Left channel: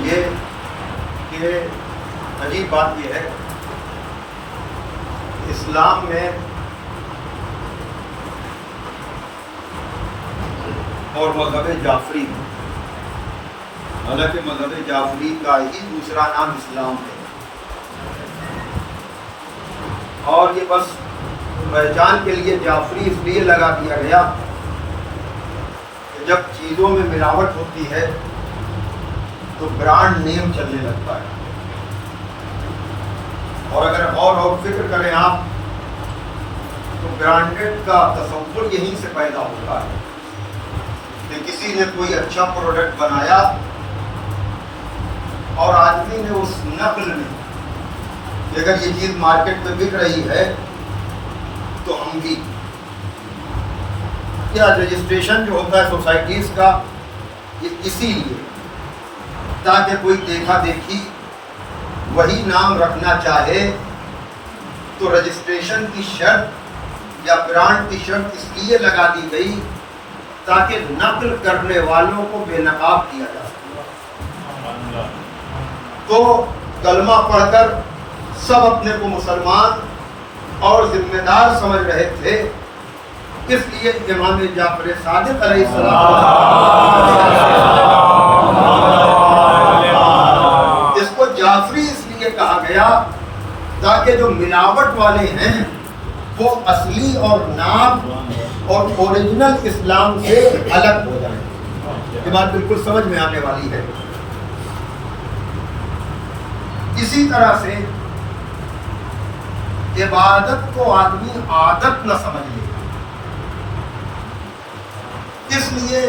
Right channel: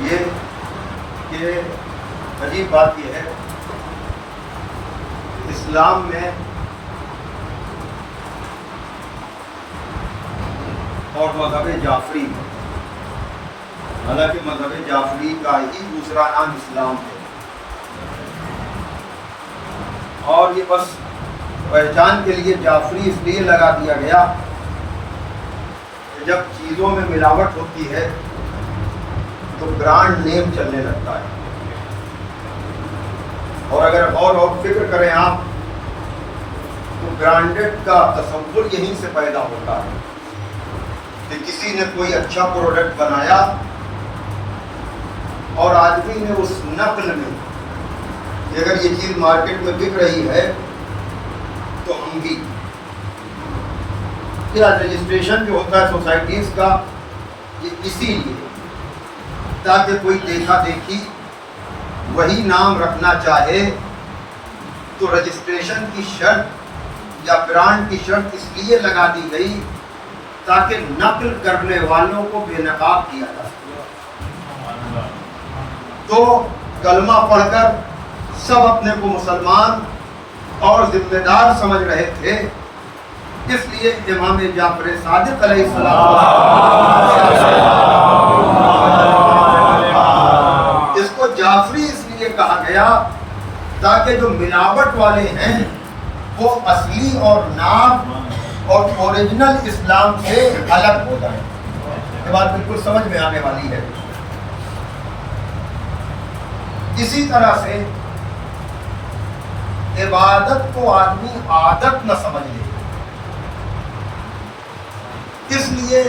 یہ کہ عجیب بات یہ ہے، اسلام میں اور مذہب جعفری میں، حالانکہ مذہب جعفری کا ہی دوسرا نام اسلام ہے، اور یہ بس پہچان کے لیے جعفری اس لیے لگا دیا گیا کہ جب چیزوں میں ملاوٹ ہوتی ہے تو برانڈ نیم چلنے لگتا ہے، اور اگر اور فکر کریں آپ تو برانڈڈ کا تصور یہیں سے پیدا ہوتا ہے کہ کسی نے کوئی اچھا پروڈکٹ بنایا اور آدمی نے اس نقل میں کہ اگر یہ چیز مارکیٹ میں بک رہی ہے تو ہم بھی کیا رجسٹریشن جو ہوتا ہے سوسائٹیز کا، یہ اسی لیے تاکہ کوئی دیکھا دیکھی وہی نام رکھنا چاہے تو رجسٹریشن کی شرط یا برانڈ کی شرط اس لیے لگا دی گئی تاکہ نقل کرنے والوں کو بے نقاب کیا جا سکے۔ تو کلمہ پڑھ کر سب اپنے کو مسلمان اور ذمہ دار سمجھ رہے تھے، اس لیے امام جعفر صادق علیہ السلام اس کو جعفری اس لیے کہا گیا تاکہ جو ملاوٹ والے ہیں وہ اصلی اور ناب اور اوریجنل اسلام سے الگ ہو جائیں۔ یہ بات بالکل سمجھ میں آنے والی ہے۔ اسی طرح سے عبادت کو آدمی عادت نہ سمجھ لے، اس لیے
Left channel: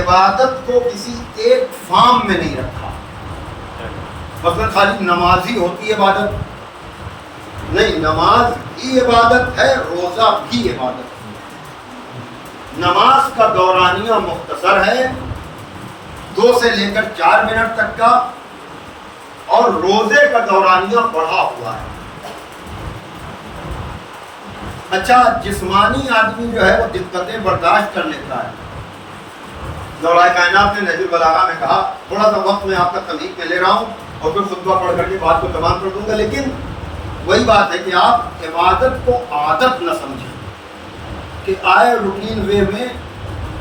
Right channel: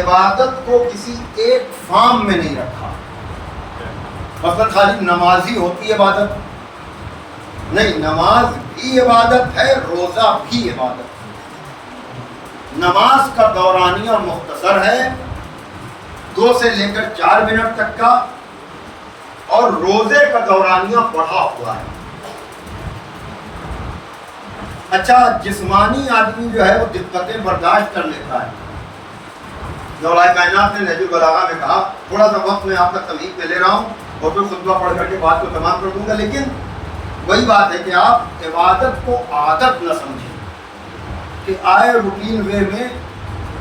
عبادت کو کسی ایک فارم میں نہیں رکھا۔ مثلا خالی نمازی ہوتی عبادت نہیں، نماز بھی عبادت ہے، روزہ بھی عبادت ہے۔ نماز کا دورانیہ مختصر ہے، 2 سے لے کر 4 منٹ تک کا، اور روزے کا دورانیہ بڑھا ہوا ہے۔ اچھا، جسمانی آدمی جو ہے وہ دقتیں برداشت کر لیتا ہے۔ مولا کائنات نے نہج البلاغہ میں کہا، تھوڑا سا وقت میں آپ کا تمہید میں لے رہا ہوں اور پھر خطبہ پڑھ کر کے بات کو تمام کر دوں گا، لیکن وہی بات ہے کہ آپ عبادت کو عادت نہ سمجھیں کہ آئے روٹین وے میں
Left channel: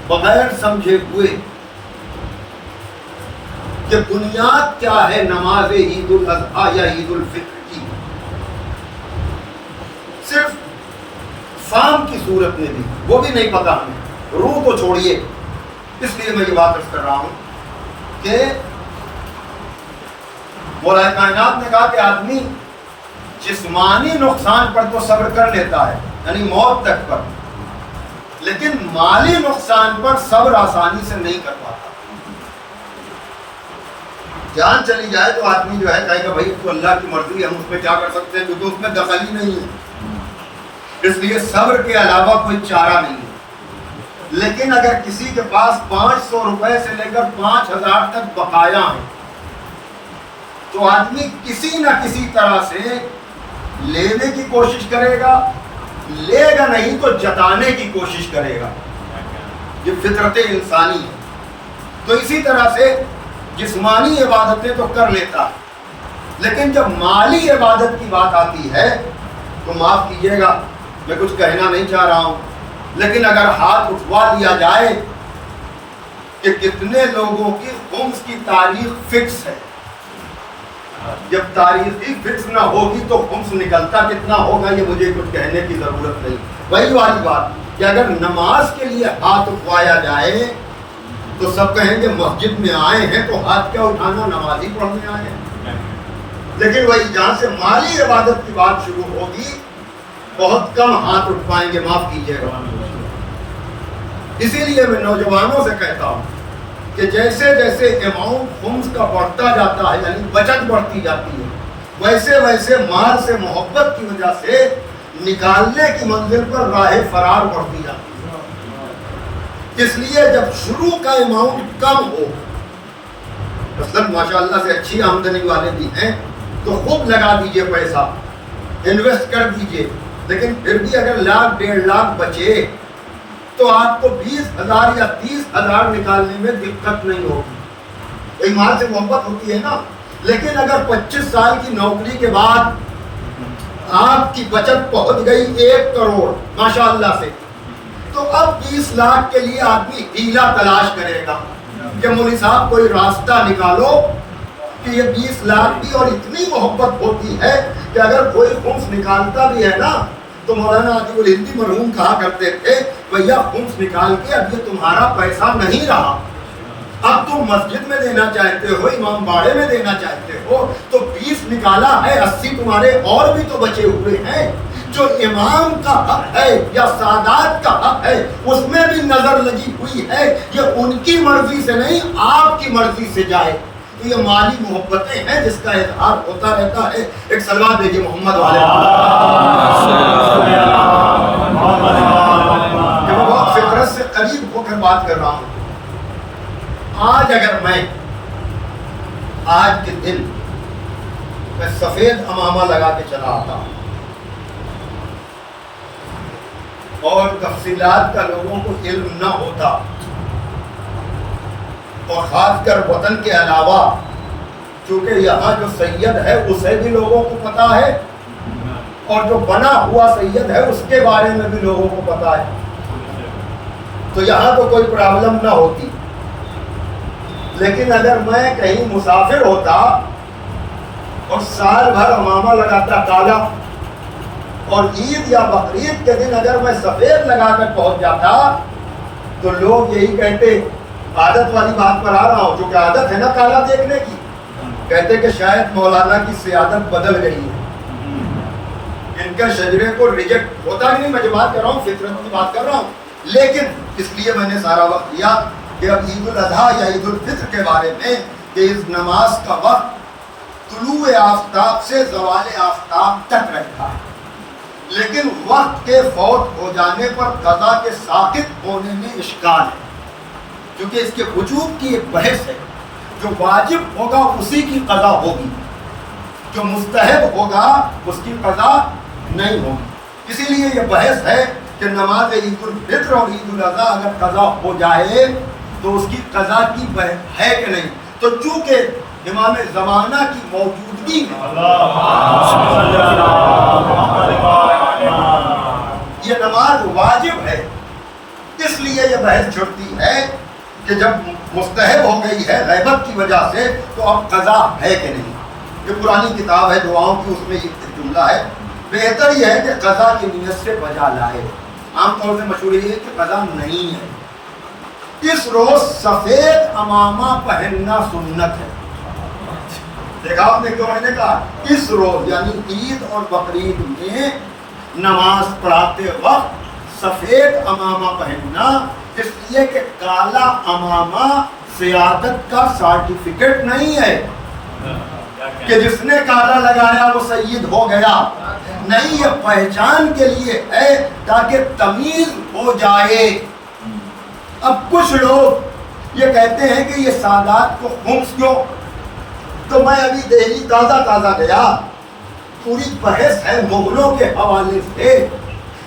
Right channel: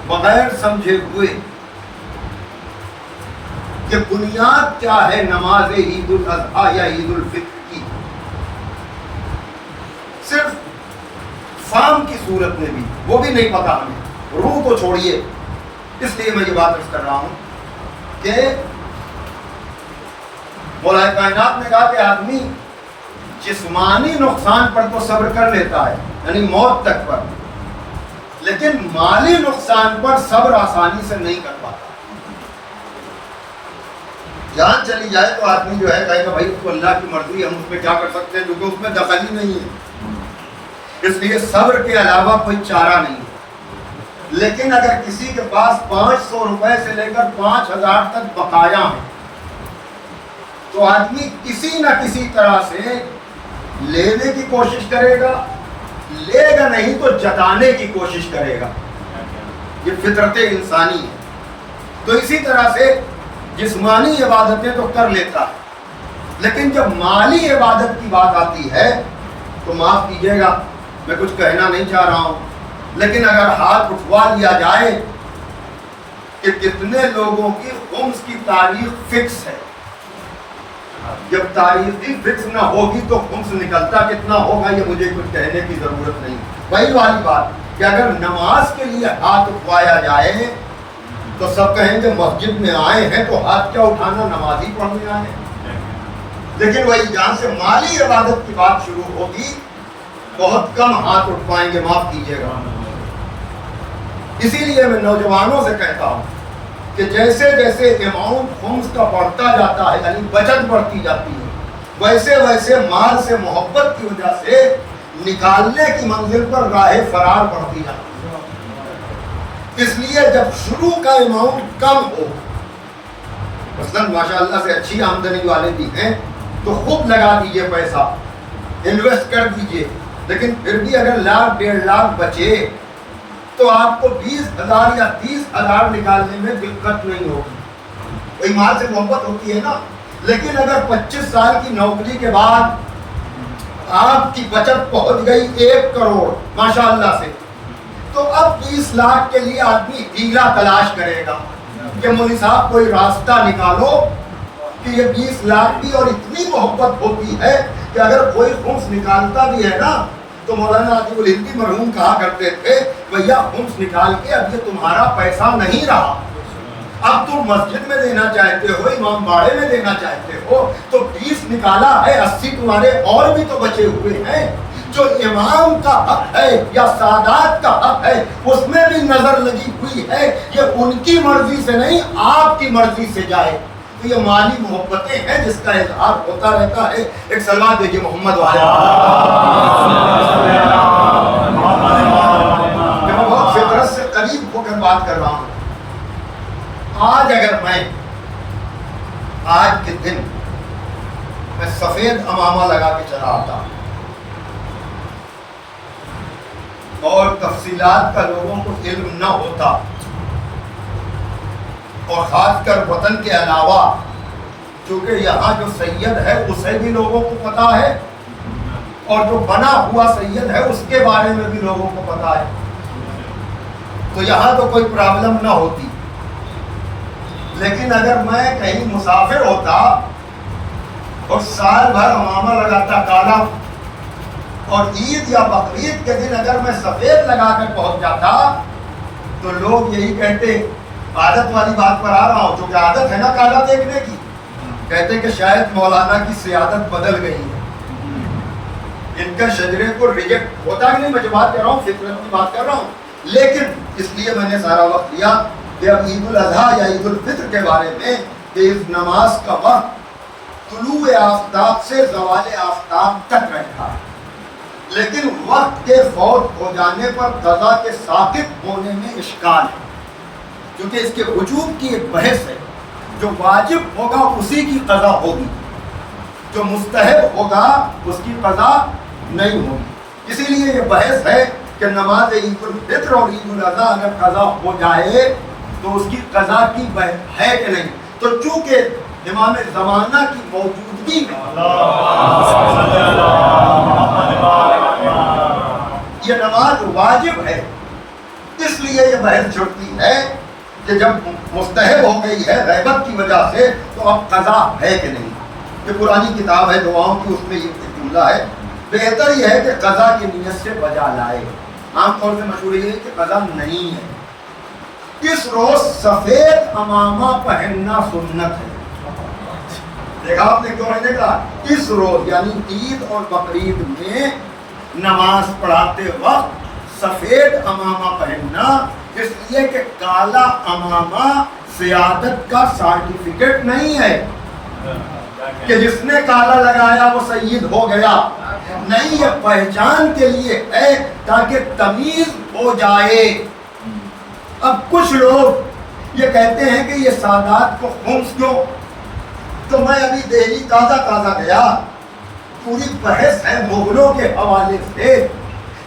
بغیر سمجھے ہوئے کہ بنیاد کیا ہے نماز عید الاضحیٰ یا عید الفطر کی، صرف فارم کی صورت میں بھی وہ بھی نہیں پتا ہمیں، روح کو چھوڑیے۔ اس لیے میں یہ بات عرض کر رہا ہوں کہ مولا کائنات نے کہا کہ آدمی جسمانی نقصان پر تو صبر کر لیتا ہے، یعنی موت تک پر، لیکن مالی نقصان پر صبر آسانی سے نہیں کر پاتا۔ جان چلی جائے تو آدمی جو ہے کہے گا بھائی تو اللہ کی مرضی، ہم اس میں کیا کر سکتے ہیں، کیونکہ اس میں دخل ہی نہیں ہے۔ اس لیے صبر کے علاوہ کوئی چارہ نہیں ہے۔ لیکن اگر کسی کے پاس 500 روپے سے لے کر 5000 تک بقایا ہیں تو آدمی کسی نہ کسی طرح سے لینے کی کوشش کرے گا، لے گا نہیں تو جتانے کی کوشش کرے گا۔ یہ فطرت انسانی ہے۔ تو اسی طرح سے جسمانی عبادتیں تو کر لیتا ہے، لیکن جب مالی عبادت کی بات آتی ہے تو معاف کیجیے گا، میں کچھ کہنا نہیں چاہ رہا ہوں، لیکن اگر ہاتھ اٹھوا لیا جائے کہ کتنے لوگوں کی خمس کی تاریخ فکس ہے، جب تاریخ ہی فکس نہ ہوگی تو خمس نکلتا کتنا ہوگا یہ مجھے کچھ کہنے کی ضرورت نہیں۔ وہی والی بات کہ اگر نماز کے لیے ہاتھ اٹھوایا جائے تو سب کہیں گے مسجد میں آئے ہیں تو ہاتھ کیا اٹھانا، نماز ہی پڑھنے آئے ہیں۔ لیکن وہی جہاں سے مالی عبادت کی بات شروع ہوگی بہت کم ہاتھ اٹھوائیں گے، معاف کیجیے گا۔ اسی لیے میں نوجوانوں سے کہتا ہوں کہ جیسے جیسے اماؤنٹ خمس کا بڑھتا جاتا ہے، یعنی بچت بڑھتی جاتی ہے، ویسے ویسے مال سے محبت کی وجہ سے نکالنے کی منزل پر راہ فرار بڑھتی جاتی ہے۔ اس لیے جب شروع کا اماؤنٹ کم ہو، مثلاً ماشاءاللہ سے اچھی آمدنی والے بھی ہیں تو خود لگا دیجئے پیسہ، انویسٹ کر دیجئے، لیکن پھر بھی اگر 1,00,000 1.5 لاکھ بچے تو آپ کو 20,000 یا 30,000 نکالنے میں دقت نہیں ہوگی۔ ایک مال سے محبت ہوتی ہے نا. لیکن اگر 25 سال کی نوکری کے بعد آپ کی بچت پہنچ گئی 1 کروڑ ماشاء اللہ سے, تو اب 20 لاکھ کے لیے آدمی ہیلا تلاش کرے گا کہ مولوی صاحب کوئی راستہ نکالو کہ یہ 20 لاکھ بھی, اور اتنی محبت ہوتی ہے کہ اگر کوئی خمس نکالتا بھی ہے نا تو مولانا عاطف الہندی مرحوم کہا کرتے تھے بھیا خمس نکال کے اب یہ تمہارا پیسہ نہیں رہا, اب تم مسجد میں دینا چاہتے ہو, امام باڑے میں دینا چاہتے ہو, تو 20 نکالا ہے, 80 تمہارے اور بھی تو بچے ہوئے ہیں. جو امام کا حق ہے یا سادات کا حق ہے اس میں بھی نظر لگی ہوئی ہے, یہ ان کی مرضی سے نہیں آپ کی مرضی سے جائے. تو یہ مالی محبتیں ہیں جس کا اظہار ہوتا رہتا ہے. ایک سلوات دیجیے محمد والے. میں بہت فطرت سے قریب ہو کر بات کر رہا ہوں. آج اگر میں آج کے دن میں سفید امامہ لگا کے چلا آتا اور تفصیلات کا لوگوں کو علم نہ ہوتا, اور خاص کر وطن کے علاوہ چونکہ یہاں جو سید ہے اسے بھی لوگوں کو پتا ہے, اور جو بنا ہوا سید ہے اس کے بارے میں بھی لوگوں کو پتا ہے, تو یہاں تو کوئی پرابلم نہ ہوتی. لیکن اگر میں کہیں مسافر ہوتا اور سال بھر امامہ لگاتا کالا, اور عید یا بقرعید کے دن اگر میں سفید لگا کر پہنچ جاتا تو لوگ یہی کہتے, عادت والی بات پر آ رہا ہوں, جو کہ عادت ہے نا کالا دیکھنے کی, کہتے کہ شاید مولانا کی سیادت بدل گئی ہے, ان کے شجرے کو ریجیکٹ ہوتا ہی نہیں. میں جو بات کر رہا ہوں فطرت کی بات کر رہا ہوں. لیکن اس لیے میں نے سارا وقت لیا کہ اب عید الاضحیٰ یا عید الفطر کے بارے میں کہ اس نماز کا وقت طلوع آفتاب سے زوال آفتاب تک رہتا ہے, لیکن وقت کے فوت ہو جانے پر قضا کے ساقط ہونے میں اشکال ہے, کیونکہ اس کے وجوب کی ایک بحث ہے. جو واجب ہوگا اسی کی قضا ہوگی, جو مستحب ہوگا اس کی قضا نہیں ہوگی. اسی لیے یہ بحث ہے کہ نماز عید الفطر اور عید الاضحیٰ اگر قضا ہو جائے تو اس کی قضا کی ہے کہ نہیں. تو چونکہ امام زمانہ کی موجودگی میں یہ نماز واجب ہے, اس لیے یہ بحث چھڑتی ہے کہ جب مستحب ہو گئی ہے غیبت کی وجہ سے تو اب قضا ہے کہ نہیں. یہ پرانی کتاب ہے دعاؤں کی, اس میں یہ جملہ ہے, بہتر یہ ہے کہ قضا کی نیت سے بجا لائے. عام طور سے مشہور یہ ہے کہ قضا نہیں ہے. اس روز سفید امامہ پہننا سنت ہے. دیکھا آپ نے کیوں میں نے کہا اس روز یعنی عید اور بقرعید میں نماز پڑھاتے وقت سفید امامہ پہننا, اس لیے کہ کالا امامہ سیادت کا سرٹیفکیٹ نہیں ہے کہ جس نے کالا لگایا وہ سید ہو گیا. نہیں, یہ پہچان کے لیے ہے تاکہ تمیز ہو جائے. اب کچھ لوگ یہ کہتے ہیں کہ یہ سادات کو خمس کیوں, تو میں ابھی دہلی تازہ گیا, پوری بحث ہے مغلوں کے حوالے سے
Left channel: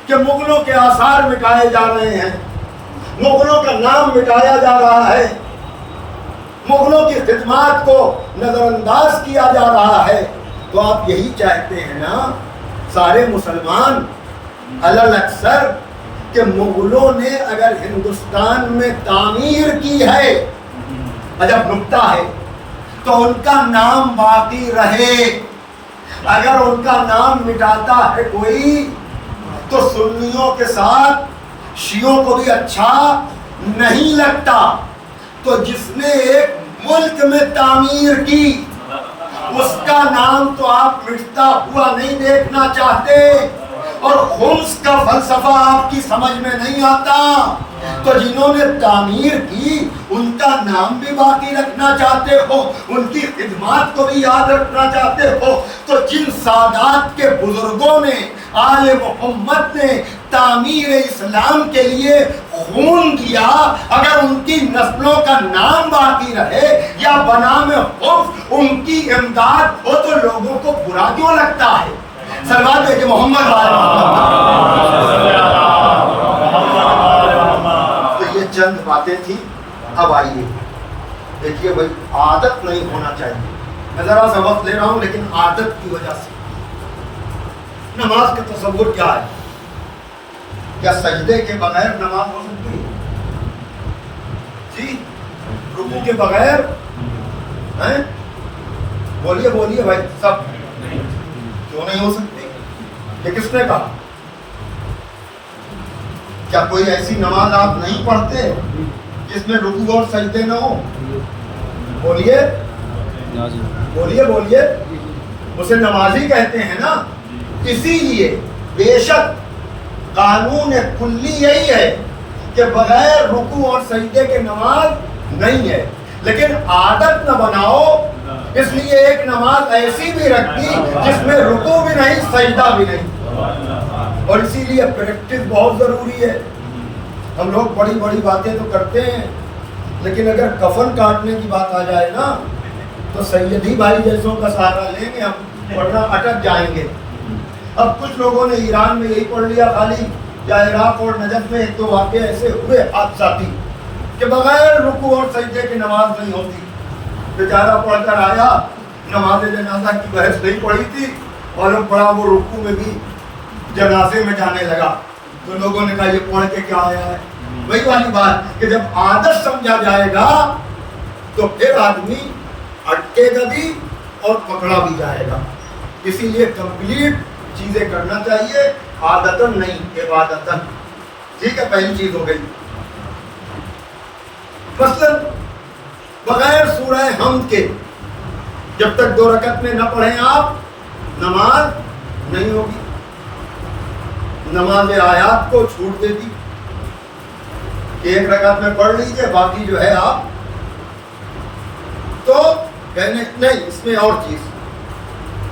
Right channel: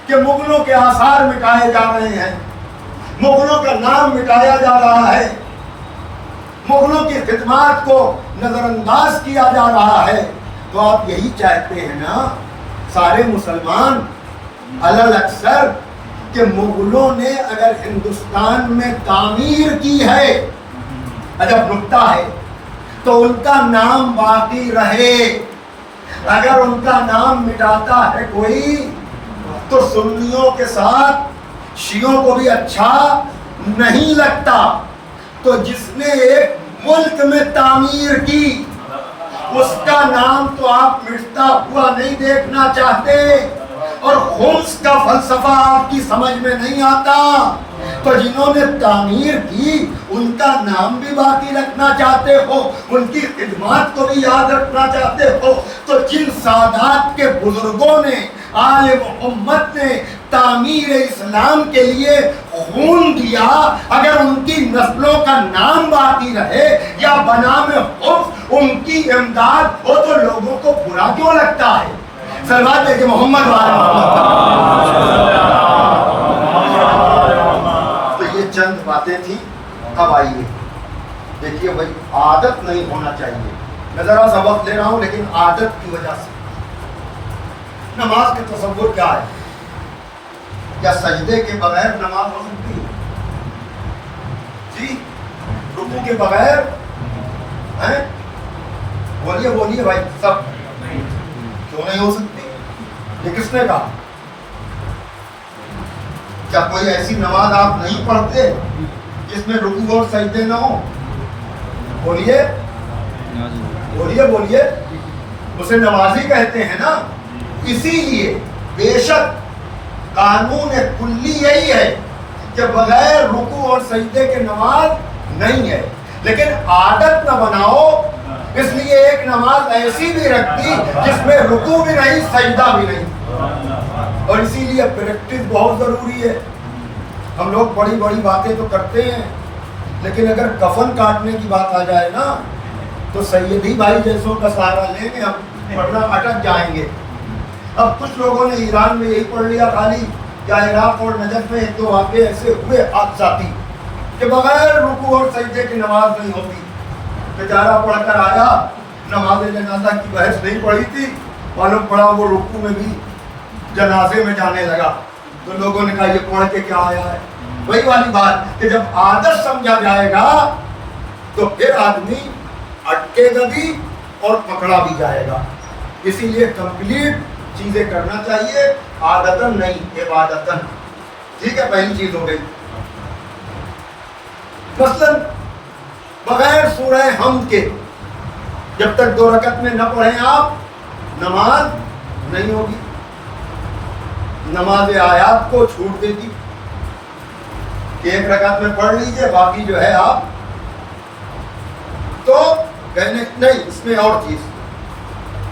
کہ مغلوں کے آثار مٹائے جا رہے ہیں, مغلوں کا نام مٹایا جا رہا ہے, مغلوں کی خدمات کو نظر انداز کیا جا رہا ہے. تو آپ یہی چاہتے ہیں نا سارے مسلمان علل اکثر کہ مغلوں نے اگر ہندوستان میں تعمیر کی ہے, عجب نکتہ ہے, تو ان کا نام باقی رہے. اگر ان کا نام مٹاتا ہے کوئی تو سنیوں کے ساتھ شیعوں کو بھی اچھا نہیں لگتا. تو جس نے ایک ملک میں تعمیر کی اس کا نام تو آپ مٹتا ہوا نہیں دیکھنا چاہتے, اور خمس کا فلسفہ آپ کی سمجھ میں نہیں آتا. تو جنہوں نے تعمیر کی ان کا نام بھی باقی رکھنا چاہتے ہو, ان کی خدمات کو بھی یاد رکھنا چاہتے ہو. تو جن سادات کے بزرگوں نے آل محمد نے تعمیر اسلام کے لیے خون دیا, اگر ان کی نسلوں کا نام باقی رہے یا بنام خوف ان کی امداد ہو تو لوگوں کو برا کیوں لگتا ہے؟ سلوات ہے کہ محمد تو یہ چند باتیں تھیں. اب آئیے دیکھیے بھائی عادت نہیں ہونا چاہیے. میں ذرا سا وقت لے رہا ہوں لیکن عادت کی وجہ سے. نماز کا تصور کیا ہے؟ کیا سجدے کے بغیر نماز ہو سکتی ہے؟ جی رکوع کے بغیر ہیں؟ بولیے بولیے بھائی سب. کیوں نہیں ہو سکتی؟ یہ کس نے کہا؟ کیا کوئی ایسی نماز آپ نہیں پڑھتے جس میں رکوع اور سجدے نہ ہو؟ بولیے بولیے بولیے. اسے نمازی کہتے ہیں نا. اسی لیے بے شک قانون کلی یہی ہے کہ بغیر رکوع اور سجدے کے نماز نہیں ہے. لیکن عادت نہ بناؤ. اس لیے ایک نماز ایسی بھی رکھتی جس میں رکوع بھی نہیں سجدہ بھی نہیں. اور اسی لیے پریکٹس بہت ضروری ہے. ہم لوگ بڑی بڑی باتیں تو کرتے ہیں لیکن اگر کفن کاٹنے کی بات آ جائے نا تو سیدی بھائی جیسوں کا سہارا لیں گے ہم ورنہ اٹک جائیں گے. اب کچھ لوگوں نے ایران میں یہی پڑھ لیا خالی یا عراق اور نجف میں ایک دو واقعے ایسے ہوئے حادثاتی کہ بغیر رکوع اور سجدے کی نماز نہیں ہوتی. بیچارہ پڑھ کر آیا, نماز جنازہ کی بحث نہیں پڑھی تھی, معلوم پڑا وہ رکوع میں بھی جنازے میں جانے لگا. تو لوگوں نے کہا یہ پڑھ کے کیا آیا ہے. وہی والی بات کہ جب عادت سمجھا جائے گا تو پھر آدمی اٹکے گا بھی اور پکڑا بھی جائے گا. اسی لیے کمپلیٹ چیزیں کرنا چاہیے, عادتاً نہیں عبادتاً. ٹھیک ہے, پہلی چیز ہو گئی. مثلاً بغیر سورہ حمد کے جب تک 2 رکعت میں نہ پڑھیں آپ نماز نہیں ہوگی. نماز آیات کو چھوٹ دیتی کہ 1 رکعت میں پڑھ لیجیے باقی جو ہے آپ تو کہنے نہیں. اس میں اور چیز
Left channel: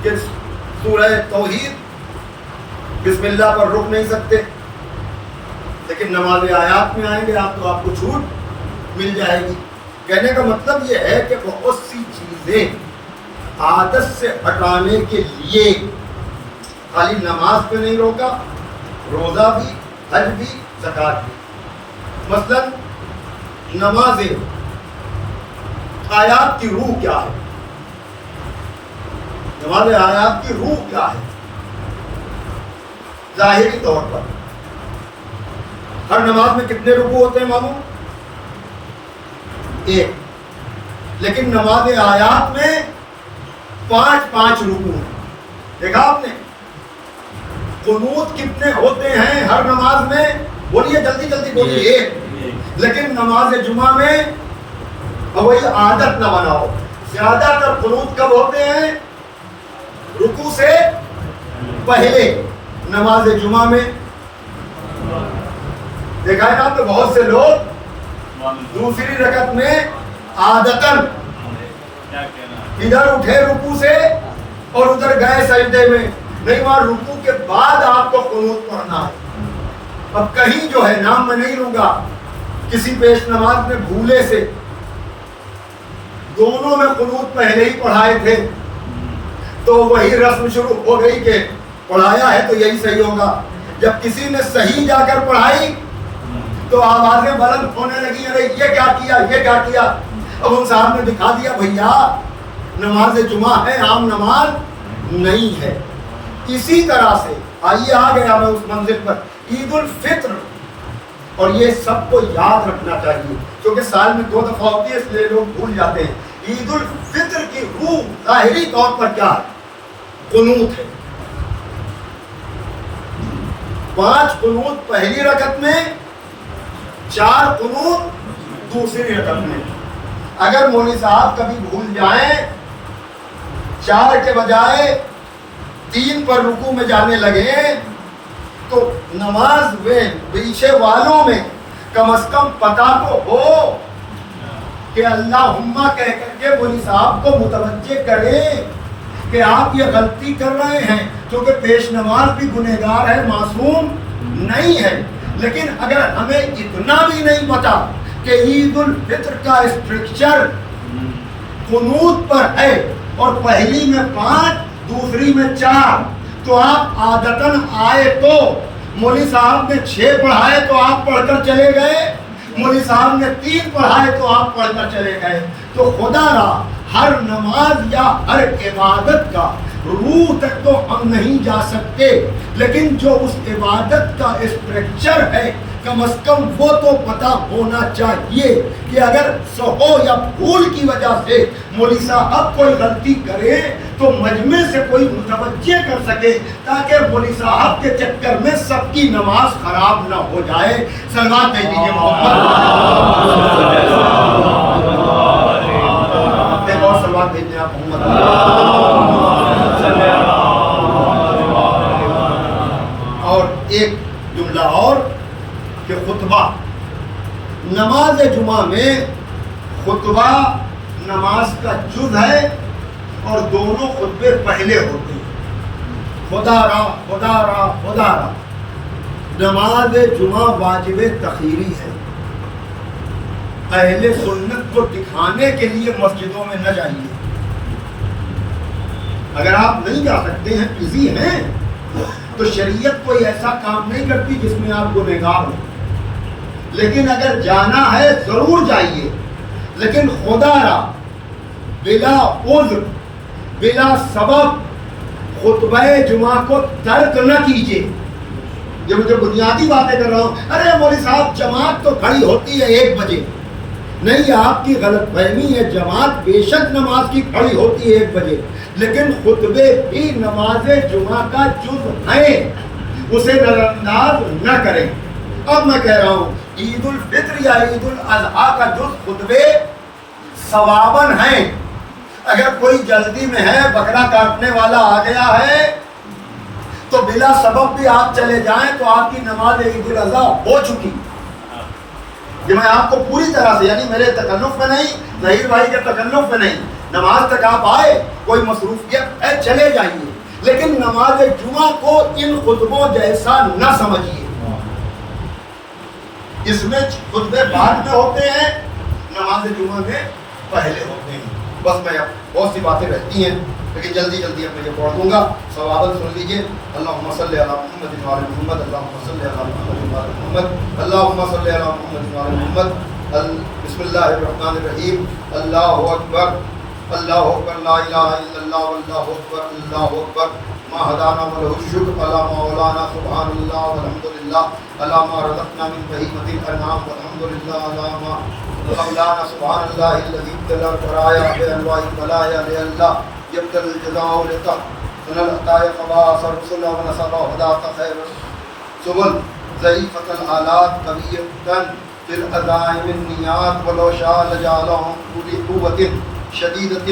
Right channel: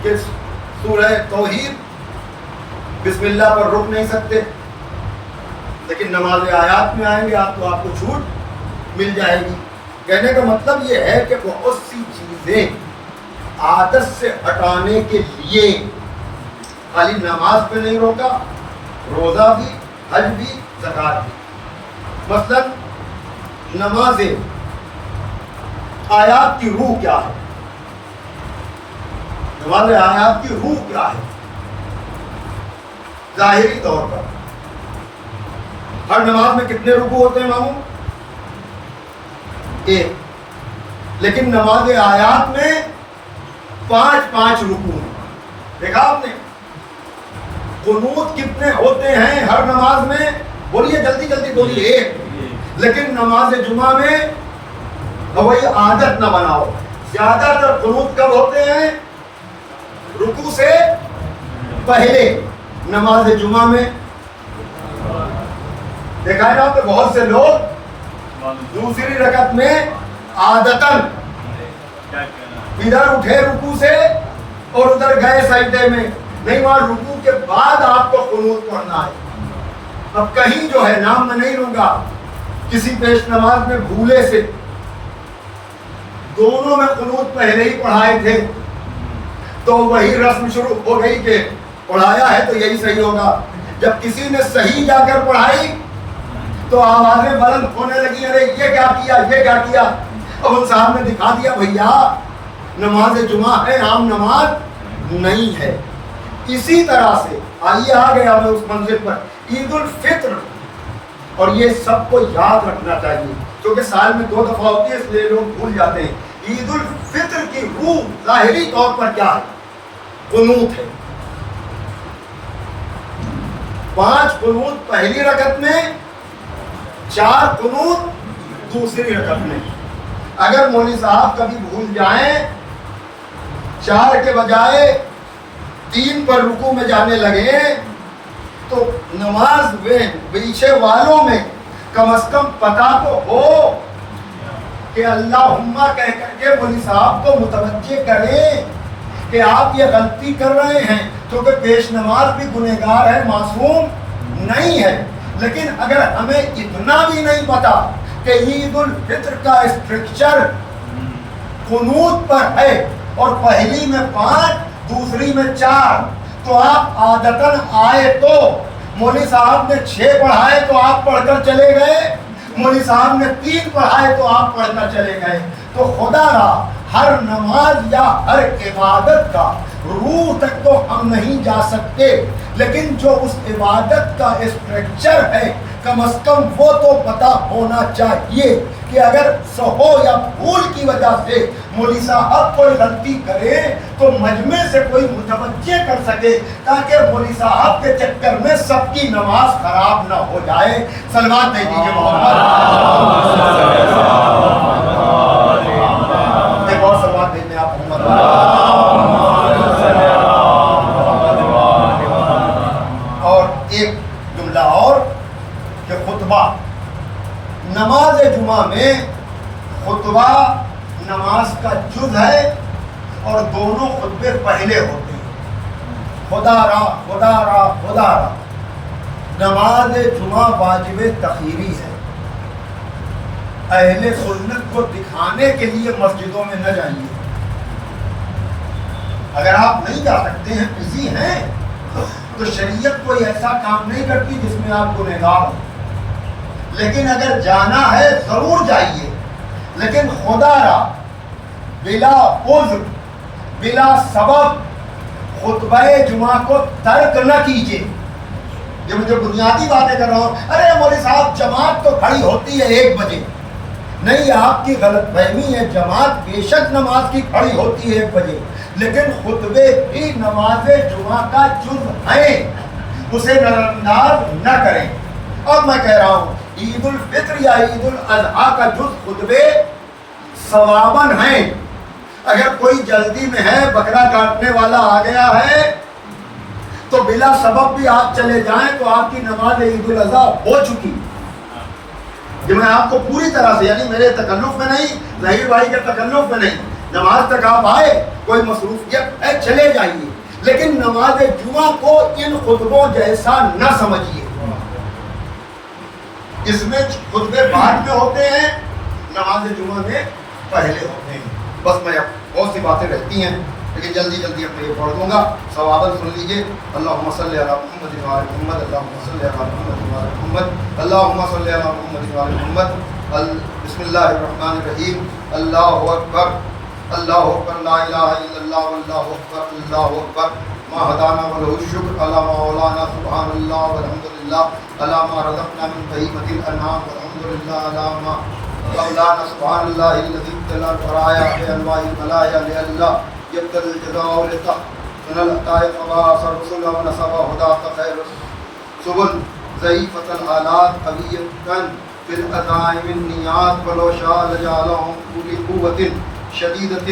کہ سورہ توحید بسم اللہ پر رک نہیں سکتے لیکن نماز آیات میں آئیں گے آپ تو آپ کو چھوٹ مل جائے گی. کہنے کا مطلب یہ ہے کہ بہت سی چیزیں عادت سے ہٹانے کے لیے خالی نماز پہ نہیں روکا, روزہ بھی, حج بھی, زکوٰۃ بھی. مثلا نماز آیات کی روح کیا ہے؟ نماز آیات کی روح کیا ہے؟ ظاہری طور پر ہر نماز میں کتنے رکوع ہوتے ہیں ماموں؟ 1. لیکن نماز آیات میں 5 رکوع ہیں. دیکھا آپ نے؟ قنوت کتنے ہوتے ہیں ہر نماز میں؟ بولیے جلدی جلدی بولیے. 1. لیکن نماز جمعہ میں وہی عادت نہ بناؤ. زیادہ تر قنوت کب ہوتے ہیں؟ رکوع سے پہلے. نماز جمعہ میں دیکھا ہے نا آپ نے بہت سے لوگ دوسری رکعت میں عادتاً ادھر اٹھے رکوع سے اور ادھر گئے سجدے میں. نہیں, وہاں رکوع کے بعد آپ کو قنوت پڑھنا ہے. اب کہیں جو ہے نام میں نہیں لوں گا, کسی پیش نماز میں بھولے سے دونوں میں قنوت پہلے ہی پڑھائے تھے تو وہی رسم شروع ہو گئی کہ پڑھایا ہے تو یہی صحیح ہوگا. جب کسی نے صحیح جا کر پڑھائی تو آوازیں بلند ہونے لگی, ارے یہ کیا کیا, یہ کیا کیا. اب ان صاحب نے دکھا دیا بھیا نماز جمعہ ہے, عام نماز نہیں ہے. اسی طرح سے آئیے آ گیا میں اس منزل پر عید الفطر, اور یہ سب کو یاد رکھنا چاہیے کیونکہ سال میں 2 دفعہ ہوتی ہے اس لیے لوگ بھول جاتے ہیں. عید الفطر کی روح ظاہری طور پر کیا ہے؟ قنوت ہے. 5 قنوت پہلی رکعت میں, 4 قنوت دوسری رکعت میں. اگر مولوی صاحب کبھی بھول جائیں 4 کے بجائے 3 پر رکوع میں جانے لگے تو نماز میں پیچھے والوں میں کم از کم پتہ تو ہو کہ اللہم کہہ کر کے مولوی صاحب کو متوجہ کریں کہ آپ یہ غلطی کر رہے ہیں, کیونکہ پیش نماز بھی گنہگار ہے, معصوم نہیں ہے. لیکن اگر ہمیں اتنا بھی نہیں پتا کہ عید الفطر کا اسٹرکچر قنوت پر ہے اور پہلی میں 5 دوسری میں 4 تو آپ عادتاً آئے تو مولوی صاحب نے 6 پڑھائے تو آپ پڑھ کر چلے گئے, مولوی صاحب نے 3 پڑھائے تو آپ پڑھ کر چلے گئے. تو خدا را ہر نماز یا ہر عبادت کا روح تک تو ہم نہیں جا سکتے، لیکن جو اس عبادت کا اسٹرکچر ہے کم از کم وہ تو پتہ ہونا چاہیے کہ اگر سہو یا بھول کی وجہ سے مولوی صاحب کوئی غلطی کرے تو مجمع سے کوئی متوجہ کر سکے، تاکہ مولوی صاحب کے چکر میں سب کی نماز خراب نہ ہو جائے۔ صلوات بھیج دیجیے محمد۔ ایک اور صلوات بھیج دیں آپ محمد۔ اور ایک جملہ اور کہ خطبہ نماز جمعہ میں خطبہ نماز کا جز ہے اور دونوں خطبے پہلے ہوتے ہیں۔ خدا را خدا را خدا را نماز جمعہ واجب تخیری ہے۔ اہل سنت کو دکھانے کے لیے مسجدوں میں نہ جائیے۔ اگر آپ نہیں جا سکتے ہیں، بزی ہیں، تو شریعت کوئی ایسا کام نہیں کرتی جس میں آپ گنہگار ہوں، لیکن اگر جانا ہے ضرور جائیے، لیکن خدا را بلا عذر بلا سبب خطبہ جمعہ کو ترک نہ کیجیے۔ یہ مجھے بنیادی باتیں کر رہا ہوں۔ ارے مولوی صاحب جماعت تو کھڑی ہوتی ہے 1 بجے، نہیں، آپ کی غلط فہمی ہے۔ جماعت بے شک نماز کی کھڑی ہوتی ہے 1 بجے، لیکن خطبے بھی نماز جمعہ کا جز ہیں، اسے نظر انداز نہ کریں۔ اب میں کہہ رہا ہوں عید الفطر یا عید الاضحیٰ کا جز خطبے ثواباً ہیں۔ اگر کوئی جلدی میں ہے، بکرا کاٹنے والا آ گیا ہے، تو بلا سبب بھی آپ چلے جائیں تو آپ کی نماز عید الاضحیٰ ہو چکی۔ جو میں آپ کو پوری طرح سے، یعنی میرے تکلف میں نہیں، ظہیر بھائی کے تکلف میں نہیں، نماز تک آپ آئے، کوئی مصروفیت ہے، چلے جائیے، لیکن نماز جمعہ کو ان خطبوں جیسا نہ سمجھیے۔ اس میں خطبے بعد میں ہوتے ہیں، نماز جمعہ میں پہلے ہوتے ہیں۔ بس میں بہت سی باتیں رہتی ہیں، لیکن جلدی جلدی اب میں یہ پڑھ دوں گا، ثواباً سن لیجیے۔ اللہم صلی علی محمد و علی محمد، اللہم صلی علی محمد و علی محمد، اللہم صلی علی محمد و علی محمد۔ بسم اللہ الرحمن الرحیم۔ اللہ اکبر اللہ اکبر، لا الہ الا اللہ واللہ اکبر، اللہ اکبر، ما ہدانا وله الشکر، علی ما اولانا، سبحان اللہ والحمدللہ، علی ما رزقنا من بہیمۃ الانعام، والحمدللہ علی ما اولانا، سبحان اللہ الذی ابتلى البرایا بانواع البلایا لئلا يبتلى الجزاء لتحسن العطاء فبعث رسلا ونصب هداة خیر سبل ضعیفة الآلات قویة فی العزائم النیات ولو شاء لجعلهم أولی قوة شدیدة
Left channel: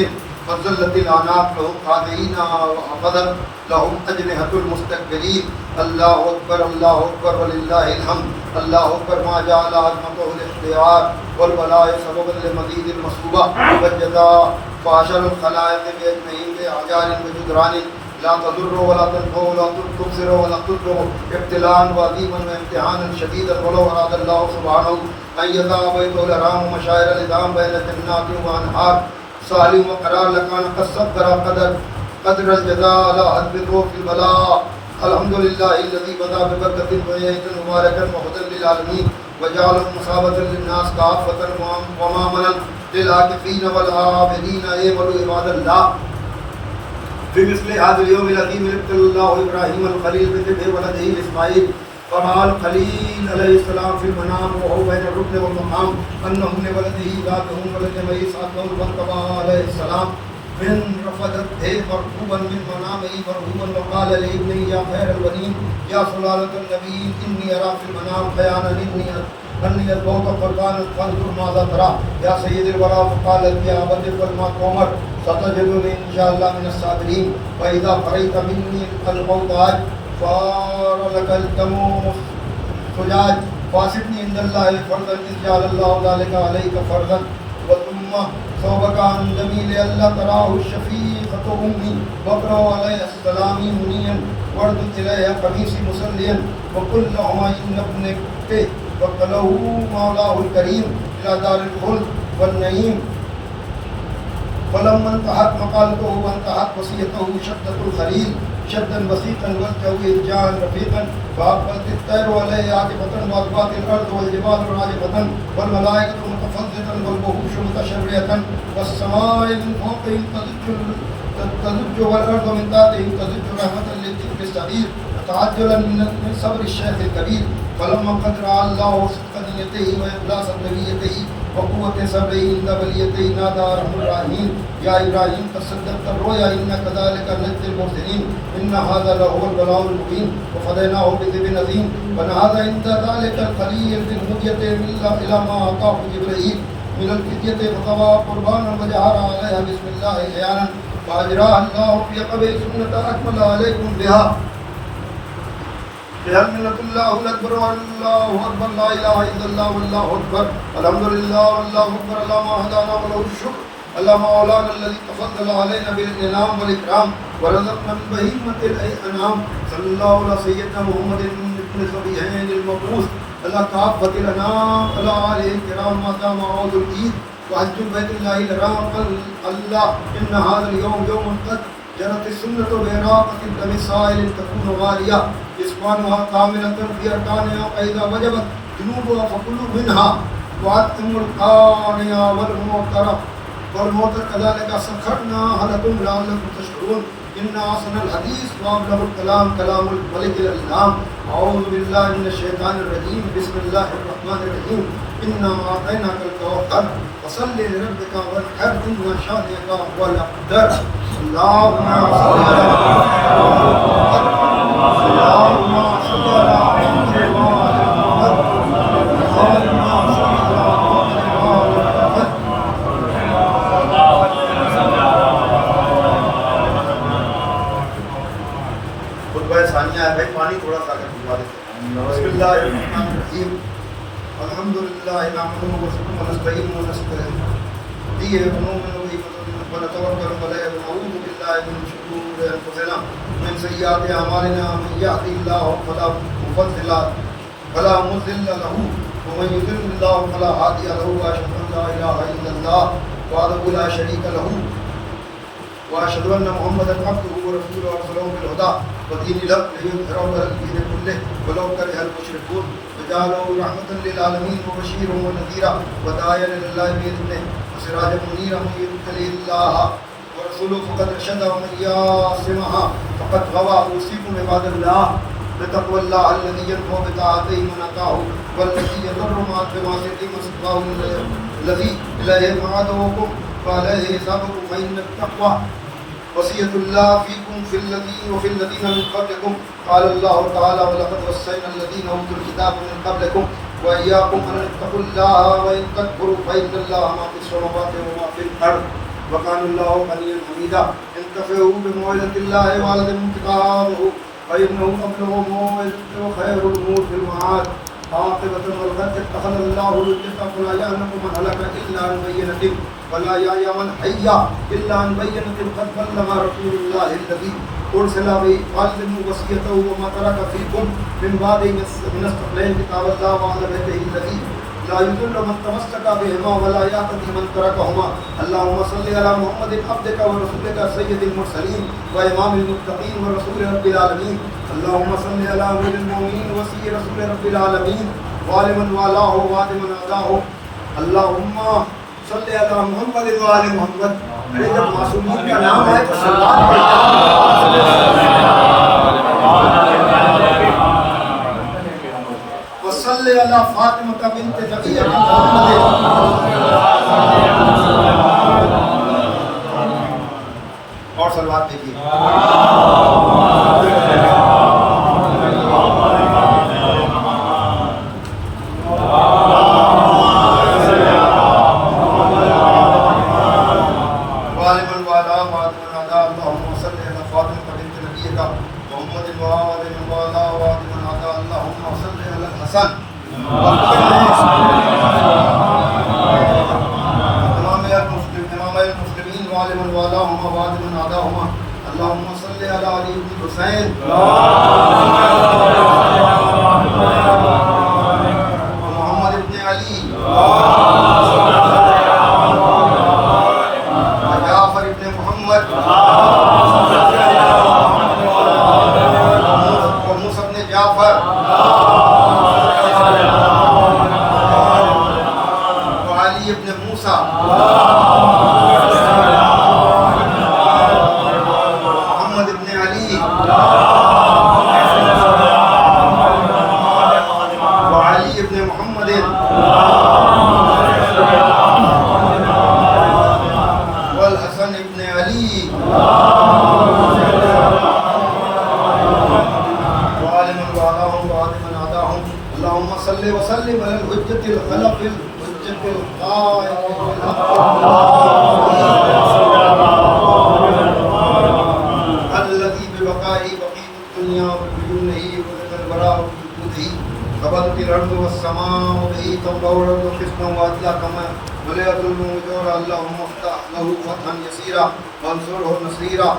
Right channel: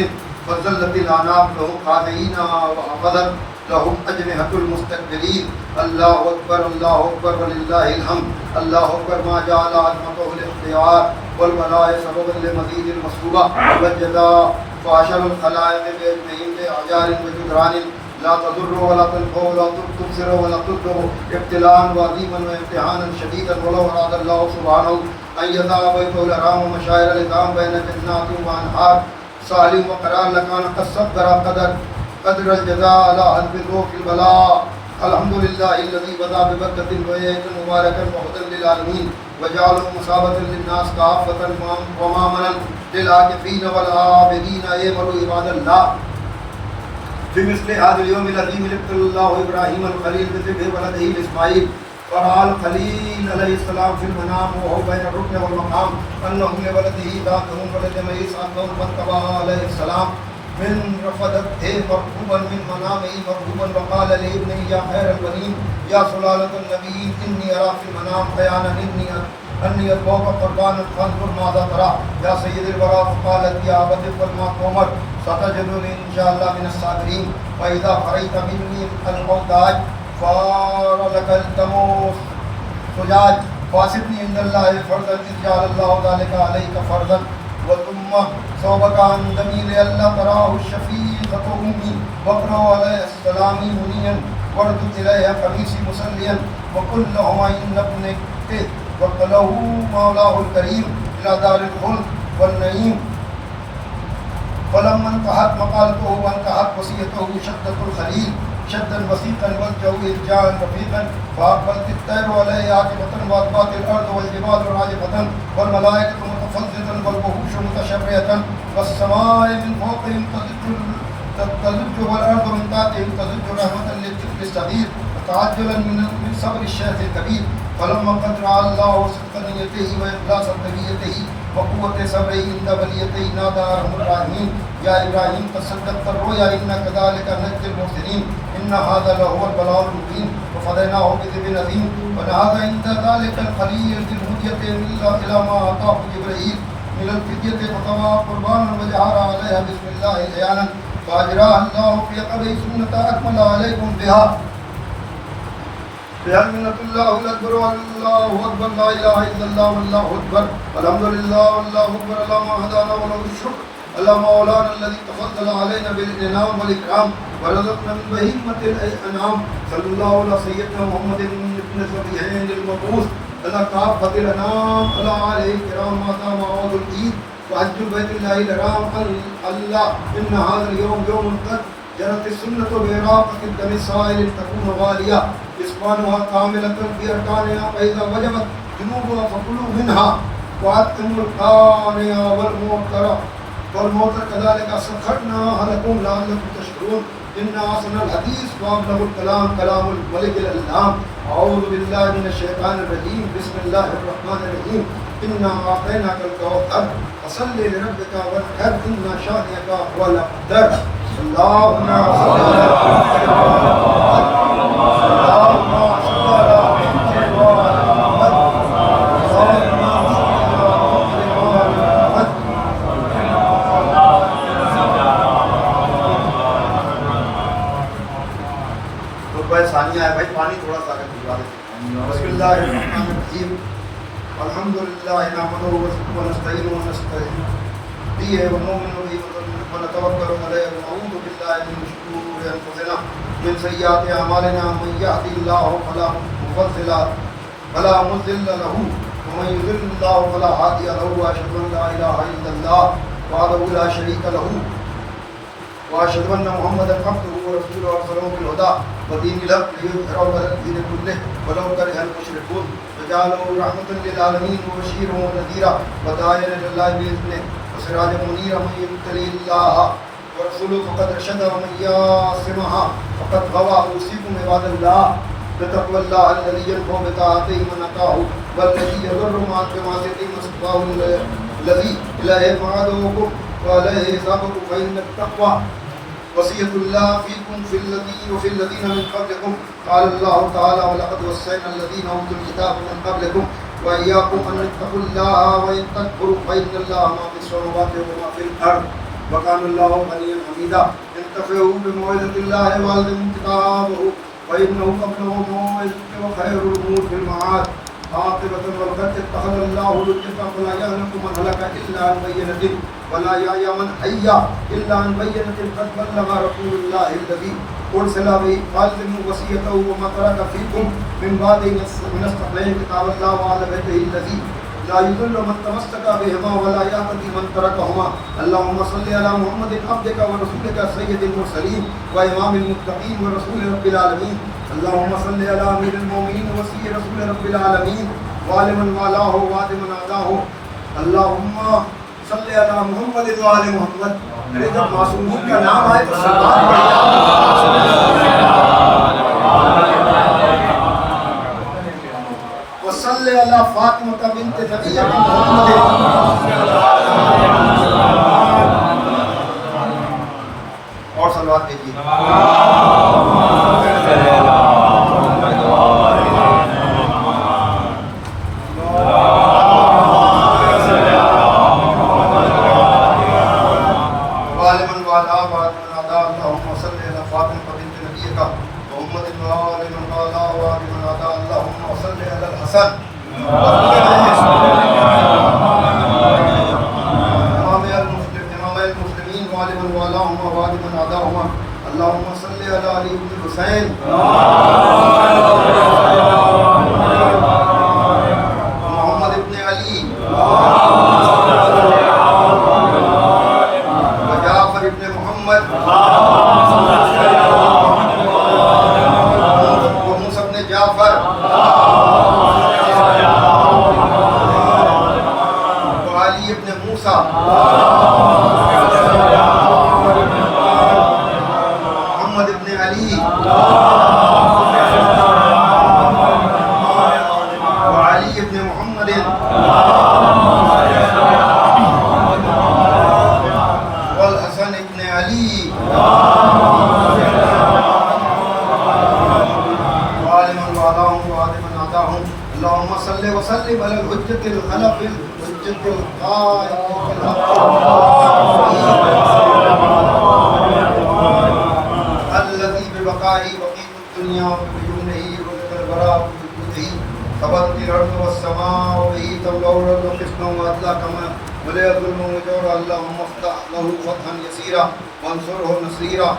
فضلت العناق لهم قانعین وحفظت لهم أجنحة المستكبرین۔ اللہ اکبر اللہ اکبر وللہ الحمد، اللہ اکبر ما جعل عظمته الاختیار والبلاء سبب لمزید المصوبہ والجزاء فاشر الخلائق بأجنحین اعجار وجدران لا تضر ولا تنفع ولا تبصر ولا تضر، ابتلاء وعظیما وامتحانا شدیدا ولو اراد اللہ سبحانہ ان یضع بیته الحرام مشاعر العظام بین جنات وانہار صالح وقرار لکان قصد قدر الجزاء على حسب الروح البلاء۔ الحمدللہ الذی بدا ببرکۃ وعید مبارکا وهدى للعالمین وجعل مصابة للناس کافة ومامنا للعاکفین والعابدین۔ اعملوا عباد اللہ في مثل هذا اليوم الذي ابتلى الله ابراهيم الخليل بذبح ولده اسماعيل، ورأى الخليل عليه السلام في المنام وهو بين الركن والمقام انه لولده ذاته ولجمع اسحاق واتبعه عليه السلام من رفضته مرغوبا من منامه مرغوبا، وقال لابنه يا خير البنين يا سلالة النبيين اني ارى في المنام بيانا اني اتوب قربان فانظر ماذا ترى يا سيد الورى، فقالت يا ابت افعل ما تؤمر ستجدني ان شاء الله من الصابرين، فاذا فرغت مني الموتاج فار لك التموس سجاج فاسقني عند الله فردا إذ جعل الله ذلك عليك فردا، وثم صوبك عن دمي لئلا تراه الشفيقة أمي، واقرأ علي السلام منيا واردد إليها قميصي مسليا، وقل لهما إن ابنك وقله مولاه الكريم إلى دار الخلد والنعيم۔ فلما انتهت مقالته وانتهت وصيته شدة الخليل شدا وثيقا والجو إرجاعا رفيقا، فأقبلت الطير عليه عاكفة وأدبات الأرض والجبال راجفة والملائكة متفزة والوحوش متشرعة والسماء من فوقهم تضج والأرض من تحتهم تضج رحمة للطفل الصغير وتعجلا من صبر الشيخ الكبير. فلما قد رأى الله صدق نيته وإخلاص طيبته وقوة سبعه عند بليته نادى رب الراحمين يا إبراهيم قد صدقت الرؤيا إنا كذلك نجزي المحسنين إن هذا لهو البلاء المبين وفديناه بذبح عظيم. فنهض عند ذلك الخليل ذي المدية إلى ما أعطاه جبريل من الفدية فطوى قربانا وجعل عليها بسم الله عيانا فأجرى الله في قبره سنة أكمل عليكم بها بحمد الله الأكبر والله أكبر لا إله إلا الله والله أكبر الحمد لله والله أكبر اللهم هدانا وله الشكر اللهم مولانا الذي تفضل علينا بالإنعام والإكرام ورزقنا من بهيمة الأنعام صلى الله على سيدنا محمد بن الصبيحين المبعوث على كافة الأنام على آله الكرام ما دام عود العيد وحج بيت الله الحرام الله إن هذا اليوم يوم قد جرت السنة بعراقة الدم السائل تكون غالية إسقانها كاملة في أركانها فإذا وجبت جنوبها فكلوا منها وأتموا القارئة والموترة والموتر كذلك سخرناها لكم لعلكم تشكرون إن أحسن الحديث وأبلغ الكلام كلام الملك الأعلام أعوذ بالله من الشيطان الرجيم بسم الله الرحمن الرحيم إنا أعطيناك الكوثر فصل لربك وانحر إن شانئك هو الأبتر اللهم صل على ثانیہ ہے بھائی پانی تھوڑا سا بسم اللہ الرحمن الرحیم الحمد للہ نحمده ونستعینه ونستغفره ونؤمن به ونتوکل علیہ ونعوذ باللہ من شرور انفسنا من سیئات اعمالنا من یهده الله فلا مضل له ومن يضلل الله فلا هادي له واشهد ان لا اله الا الله وحده لا شريك له واشهد ان محمدا عبده ورسوله ارسله بالهدى ودين الحق ليظهره على الدين كله ولو كره المشركون وجعله رحمة للعالمين وبشيرا ونذيرا وداعيا الى الله باذنه وسراجا منيرا من يتقي الله ورسوله فقد رشد ومن يعصمها فقد غوى. اوصيكم عباد الله بتقوى الله الذي ينفع بطاعته من اطاعه والذي يضر بمعصيته من سباه الذي اليه معادوكم وعليه حسابكم فان التقوى وصية الله فيكم وفي الذين من قبلكم قال الله تعالى ولقد وصينا الذين اوتوا الكتاب من قبلكم واياكم ان اتقوا الله وان تكفروا فان الله ما في السماوات وما في الارض وكان الله غنيا حميدا. انتفعوا بموعظة الله وعلموا كتابه فانه قبله موعظة وخير الامور في المعاد عاقبة والقد اتخذ الله لجة فلا يهلك من هلك الا عن بينة ولا يحيى من حي الا عن بينة قد بلغ رسول الله الذي ارسل به خالد وصيته وما ترك فيكم من بعد من استقلال كتاب الله وعلى بيته الذي لا يضل من تمسك بهما ولا يهتدي من تركهما. اللهم صل على محمد عبدك ورسولك سيد المرسلين وامام المتقين ورسول رب العالمين. اللهم صل على امير المؤمنين وسيد رسول رب العالمين وعلى من والاه وعلى من عاداه. اللهم صل على محمد وعلى محمد. ارے جب معصومین کا نام آئے تو سلوات وصل على فاطمة بنت نبي محمد. اور صلوات دیکھیے. اللهم صل على علي بن الحسين محمد بن علي وجعفر بن محمد وموسى بن جعفر وعلي بن موسى حسن ابن علی وعلم الوعداهم وعلم العداهم اللهم صل وسلم على الحجة الخلف الحجة القائم الذي ببقائه بقيت الدنيا بدونه وبقى البراء بوجوده ثبتت الأرض والسماء وبه تملأ الأرض قسطا وعدلا كما ملئت ظلم وجورا اللهم افتح له فتحا يسيرا وانصره نصيرا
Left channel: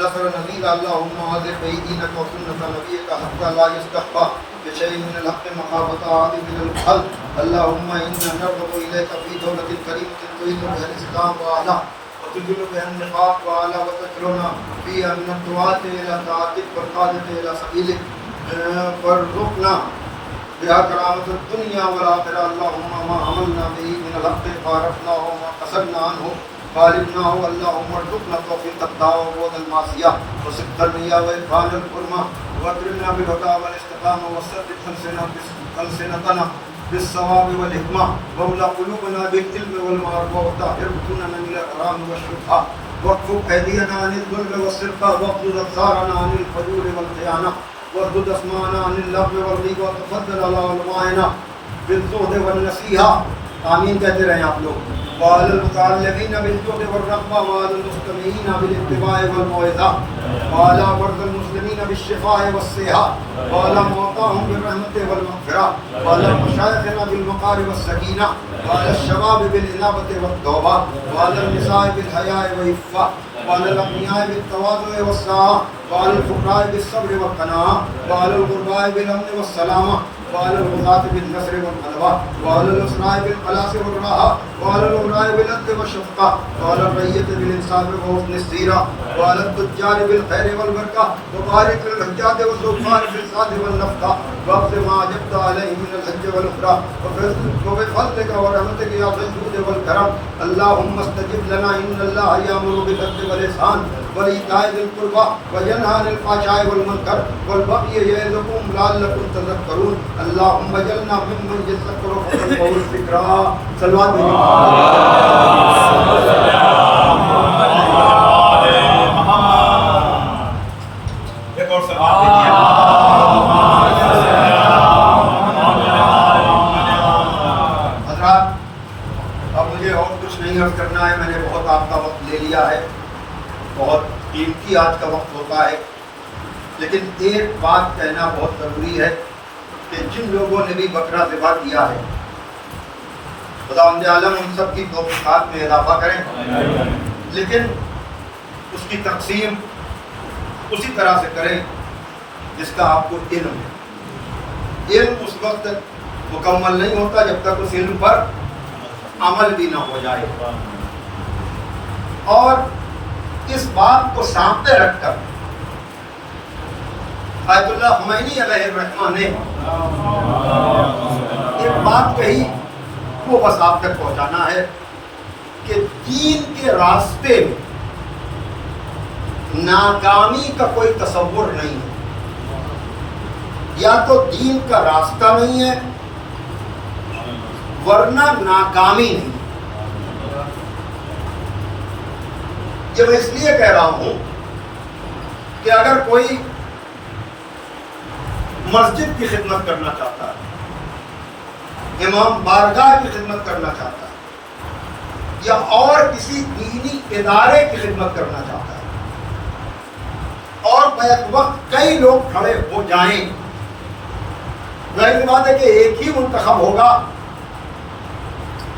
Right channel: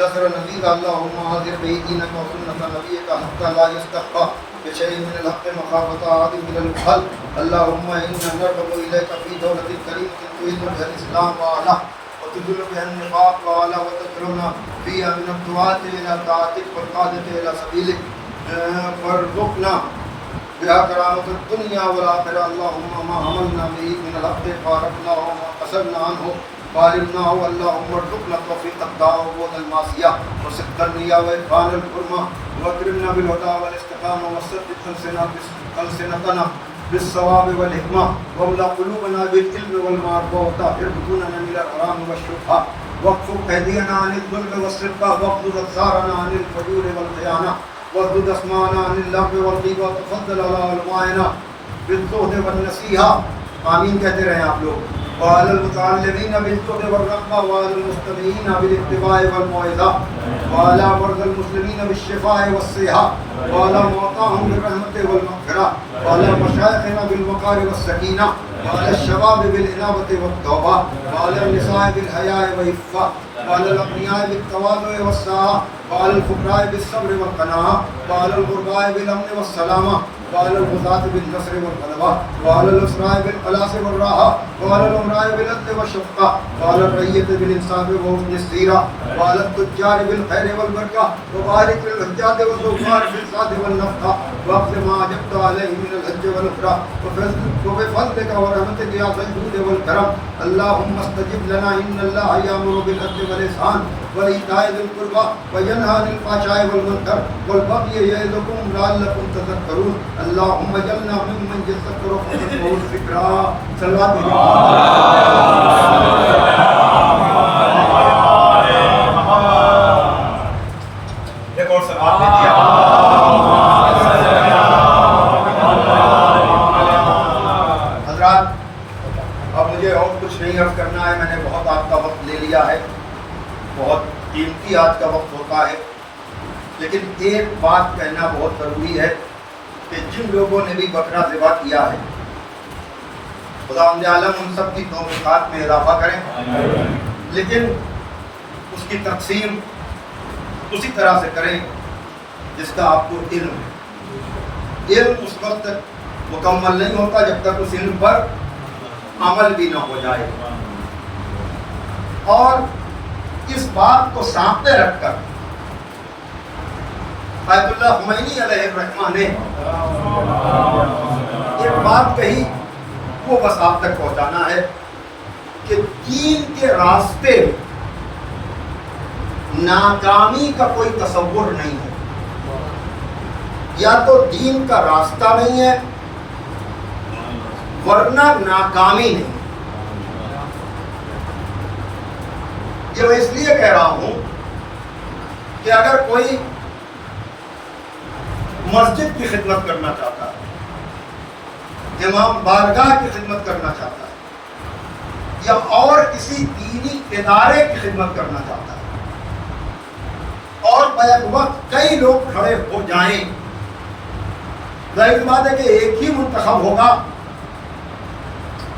نصر نذيرا اللهم آذر به دينك وسنة نبيك حتى لا يستخفى بشيء من الحق مخافة عاد من البخل اللهم إنا نرغب إليك في دولة كريمة تعز بها الإسلام وأهله وتذل بها النفاق وأهله وتكرمنا فيها من الدعاة إلى طاعتك والقادة إلى سبيلك وارزقنا بها كرامة الدنيا والآخرة اللهم ما حملنا به من الحق فارقنا وما قصرنا عنه فارقنا اللهم ارزقنا توفيق الدعوة والمعصية وصدق النية وإتقان القرمة واكرمنا بالهدى والاستقامة وثبت ألسنتنا بالصواب والحكمة واملأ قلوبنا بالعلم والمعرفة وطهر بطوننا من الحرام والشبهة واكفك أيدينا عن الظلم والسرقة واغضض أبصارنا عن الفجور والخيانة واردد اسماعنا عن اللغو والغيبة وتفضل على علمائنا بالزهد والنصيحة آمین کہتے رہیں آپ لوگ وعلى المتعلمين بالجود والرغبة وعلى المستمعين بالاتباع والموعظة وعلى مرضى المسلمين بالشفاء والصحة وعلى موتاهم بالرحمة والمغفرة وعلى مشايخنا بالوقار والسكينة وعلى الشباب بالإنابة والتوبة وعلى النساء بالحياء والعفة وعلى الأغنياء بالتواضع والسعة وعلى الفقراء بالصبر والقناعة وعلى الغرباء بالأمن والسلامة وعلى الغزاة بالنصر والغلبة وعلى الأسراء بالخلاص والراحة وعلى الأمراء بالعدل والشفقة وعلى الرعية بالإنصاف وحسن السيرة وعلى التجار بالخير والبركة وبارك للحجاج والزوار بالسعة والنفقة واقض ما أجبت عليه من الحج والعمرة وبفضلك ورحمتك يا ذا الجود والكرم اللهم استجب لنا إن الله يأمر بالعدل والإحسان وإيتاء ذي القربى وينهى عن الفحشاء والمنكر والبغي يعظكم لعلكم تذكرون اللهم اجعلنا ممن يذكر فيتبع الذكرى صلوات ایک اور سوال دیجیے حضرات اب مجھے اور کچھ نہیں عرض کرنا ہے میں نے بہت آپ کا وقت لے لیا ہے بہت قیمتی آج کا وقت ہوتا ہے لیکن ایک بات کہنا بہت ضروری ہے کہ جن لوگوں نے بھی بکرا ذبح کیا ہے خدا عالم ان سب کی توفیقات میں اضافہ کریں لیکن اس کی تقسیم اسی طرح سے کریں جس کا آپ کو علم ہے علم اس وقت مکمل نہیں ہوتا جب تک اس علم پر عمل بھی نہ ہو جائے اور اس بات کو سامنے رکھ کر آیت اللہ خمینی علیہ الرحمہ نے ایک بات کہی وہ بس آپ تک پہنچانا ہے کہ دین کے راستے میں ناکامی کا کوئی تصور نہیں ہے یا تو دین کا راستہ نہیں ہے ورنہ ناکامی نہیں یہ میں اس لیے کہہ رہا ہوں کہ اگر کوئی مسجد کی خدمت کرنا چاہتا ہے امام بارگاہ کی خدمت کرنا چاہتا ہے یا اور کسی دینی ادارے کی خدمت کرنا چاہتا ہے اور بیک وقت کئی لوگ کھڑے ہو جائیں ظاہر سی بات ہے کہ ایک ہی منتخب ہوگا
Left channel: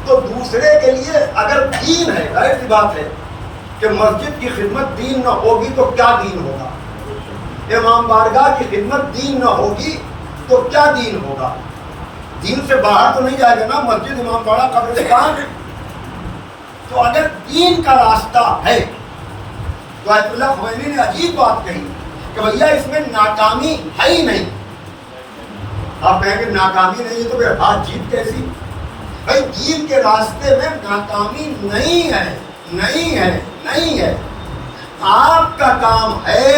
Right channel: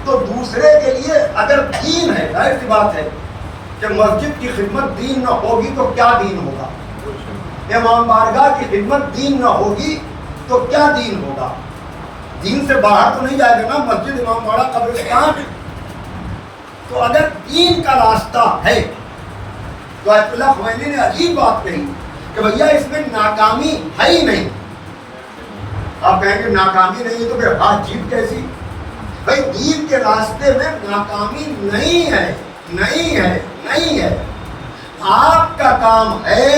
تو دوسرے کے لیے اگر دین ہے ظاہر سی بات ہے کہ مسجد کی خدمت دین نہ ہوگی تو کیا دین ہوگا امام بارگاہ کی خدمت دین نہ ہوگی تو کیا دین ہوگا دین سے باہر تو نہیں جائے گا نا مسجد امام باڑہ قبرستان تو اگر دین کا راستہ ہے تو آیت اللہ خمینی نے عجیب بات کہی کہ بھیا اس میں ناکامی ہے ہی نہیں آپ کہیں گے ناکامی نہیں ہے تو پھر ہاتھ جیت کیسی بھائی دین کے راستے میں ناکامی نہیں ہے نہیں ہے نہیں ہے آپ کا کام ہے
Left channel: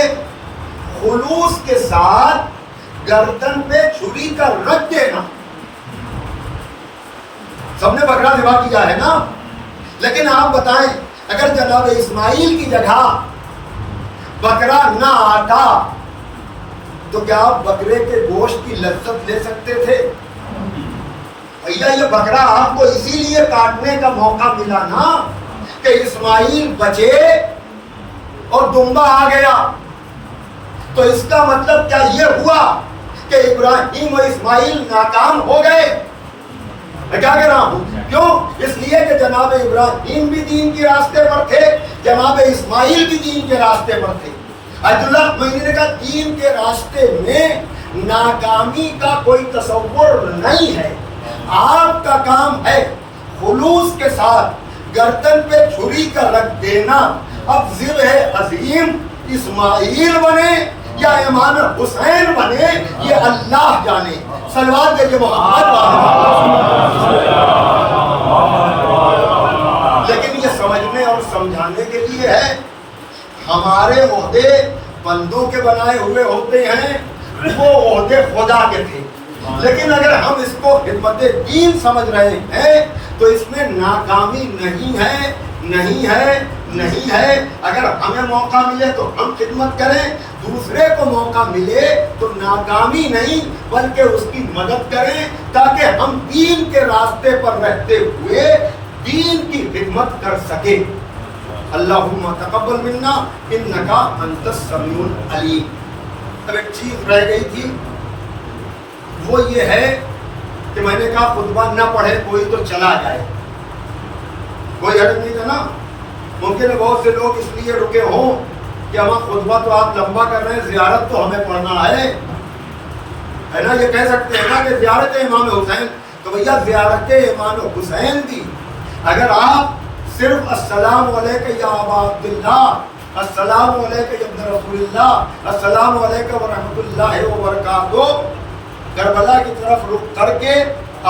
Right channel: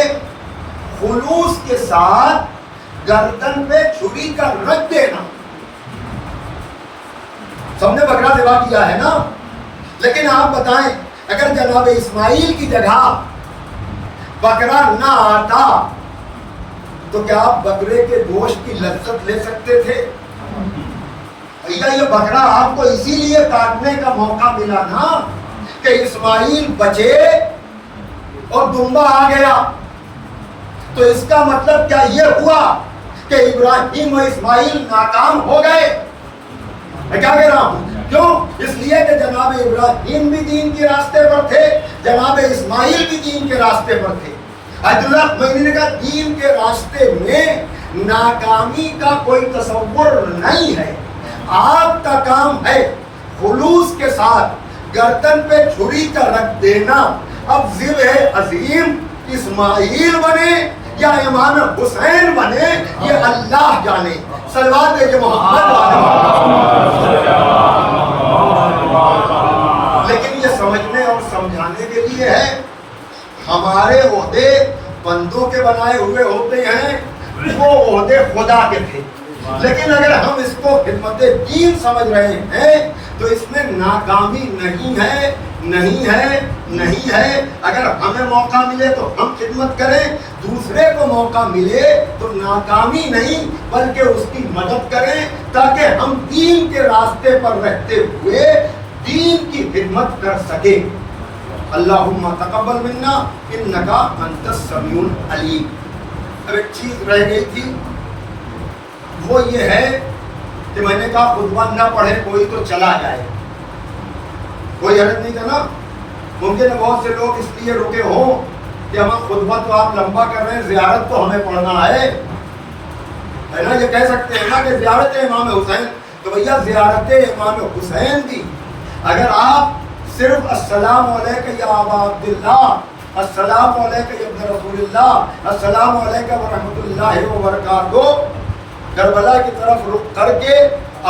خلوص کے ساتھ گردن پہ چھری کا رکھ دینا سب نے بکرا ذبح کیا ہے نا لیکن آپ بتائیں اگر جناب اسماعیل کی جگہ بکرا نہ آتا تو کیا آپ بکرے کے گوشت کی لذت لے سکتے تھے؟ یہ بکرا آپ کو اسی لیے کاٹنے کا موقع ملا نا کہ اسماعیل بچے اور دمبا آ گیا. تو اس کا مطلب کیا یہ ہوا کہ ابراہیم و اسماعیل ناکام ہو گئے؟ میں کیا کہہ رہا ہوں؟ کیوں؟ اس لیے کہ جناب ابراہیم بھی دین کے راستے پر تھے، جناب اسماعیل بھی دین کے راستے پر تھے. عبداللہ خمینی نے کہا دین کے راستے میں ناکامی کا کوئی تصور نہیں ہے. آپ کا کام ہے خلوص کے ساتھ گردن پہ چھری کا رکھ دینا. اب ذبح عظیم اسماعیل بنے یا امام حسین بنے یہ اللہ جانے. صلوات دے محمد والے. لیکن یہ سمجھنے اور سمجھانے کے لیے ہے ہمارے عہدے بندوں کے بنائے ہوئے ہوتے ہیں، وہ عہدے خدا کے تھے. لیکن اگر ہم اس کو خدمت دین سمجھ رہے ہیں تو اس میں ناکامی نہیں ہے، نہیں ہے، نہیں ہے. اگر ہمیں موقع ملے تو ہم خدمت کریں، دوسرے کو موقع ملے تو ناکامی نہیں بلکہ اس کی مدد کریں تاکہ ہم دین کے راستے پر رہتے ہوئے دین کی خدمت کر سکیں. اللہم تقبل منا انکا انت السمیع العلیم. اب ایک چیز رہ گئی تھی، وہ یہ ہے کہ میں نے کہا خطبہ نہ پڑھے کوئی تو چلا جائے. کوئی حرج نہیں تھا نا. ممکن ہے بہت سے لوگ اس لیے رکے ہوں کہ ہمارا خطبہ تو آپ لمبا کر رہے ہیں، زیارت تو ہمیں پڑھنا ہے نا. یہ کہہ سکتے ہیں نا کہ زیارت امام حسین، تو بھیا زیارت امام حسین بھی اگر آپ صرف السلام علیکم یا ابا عبداللہ، السلام علیکم یا ابن رسول اللہ، السلام علیکم ورحمۃ اللہ وبرکاتہ کربلا کی طرف رخ کر کے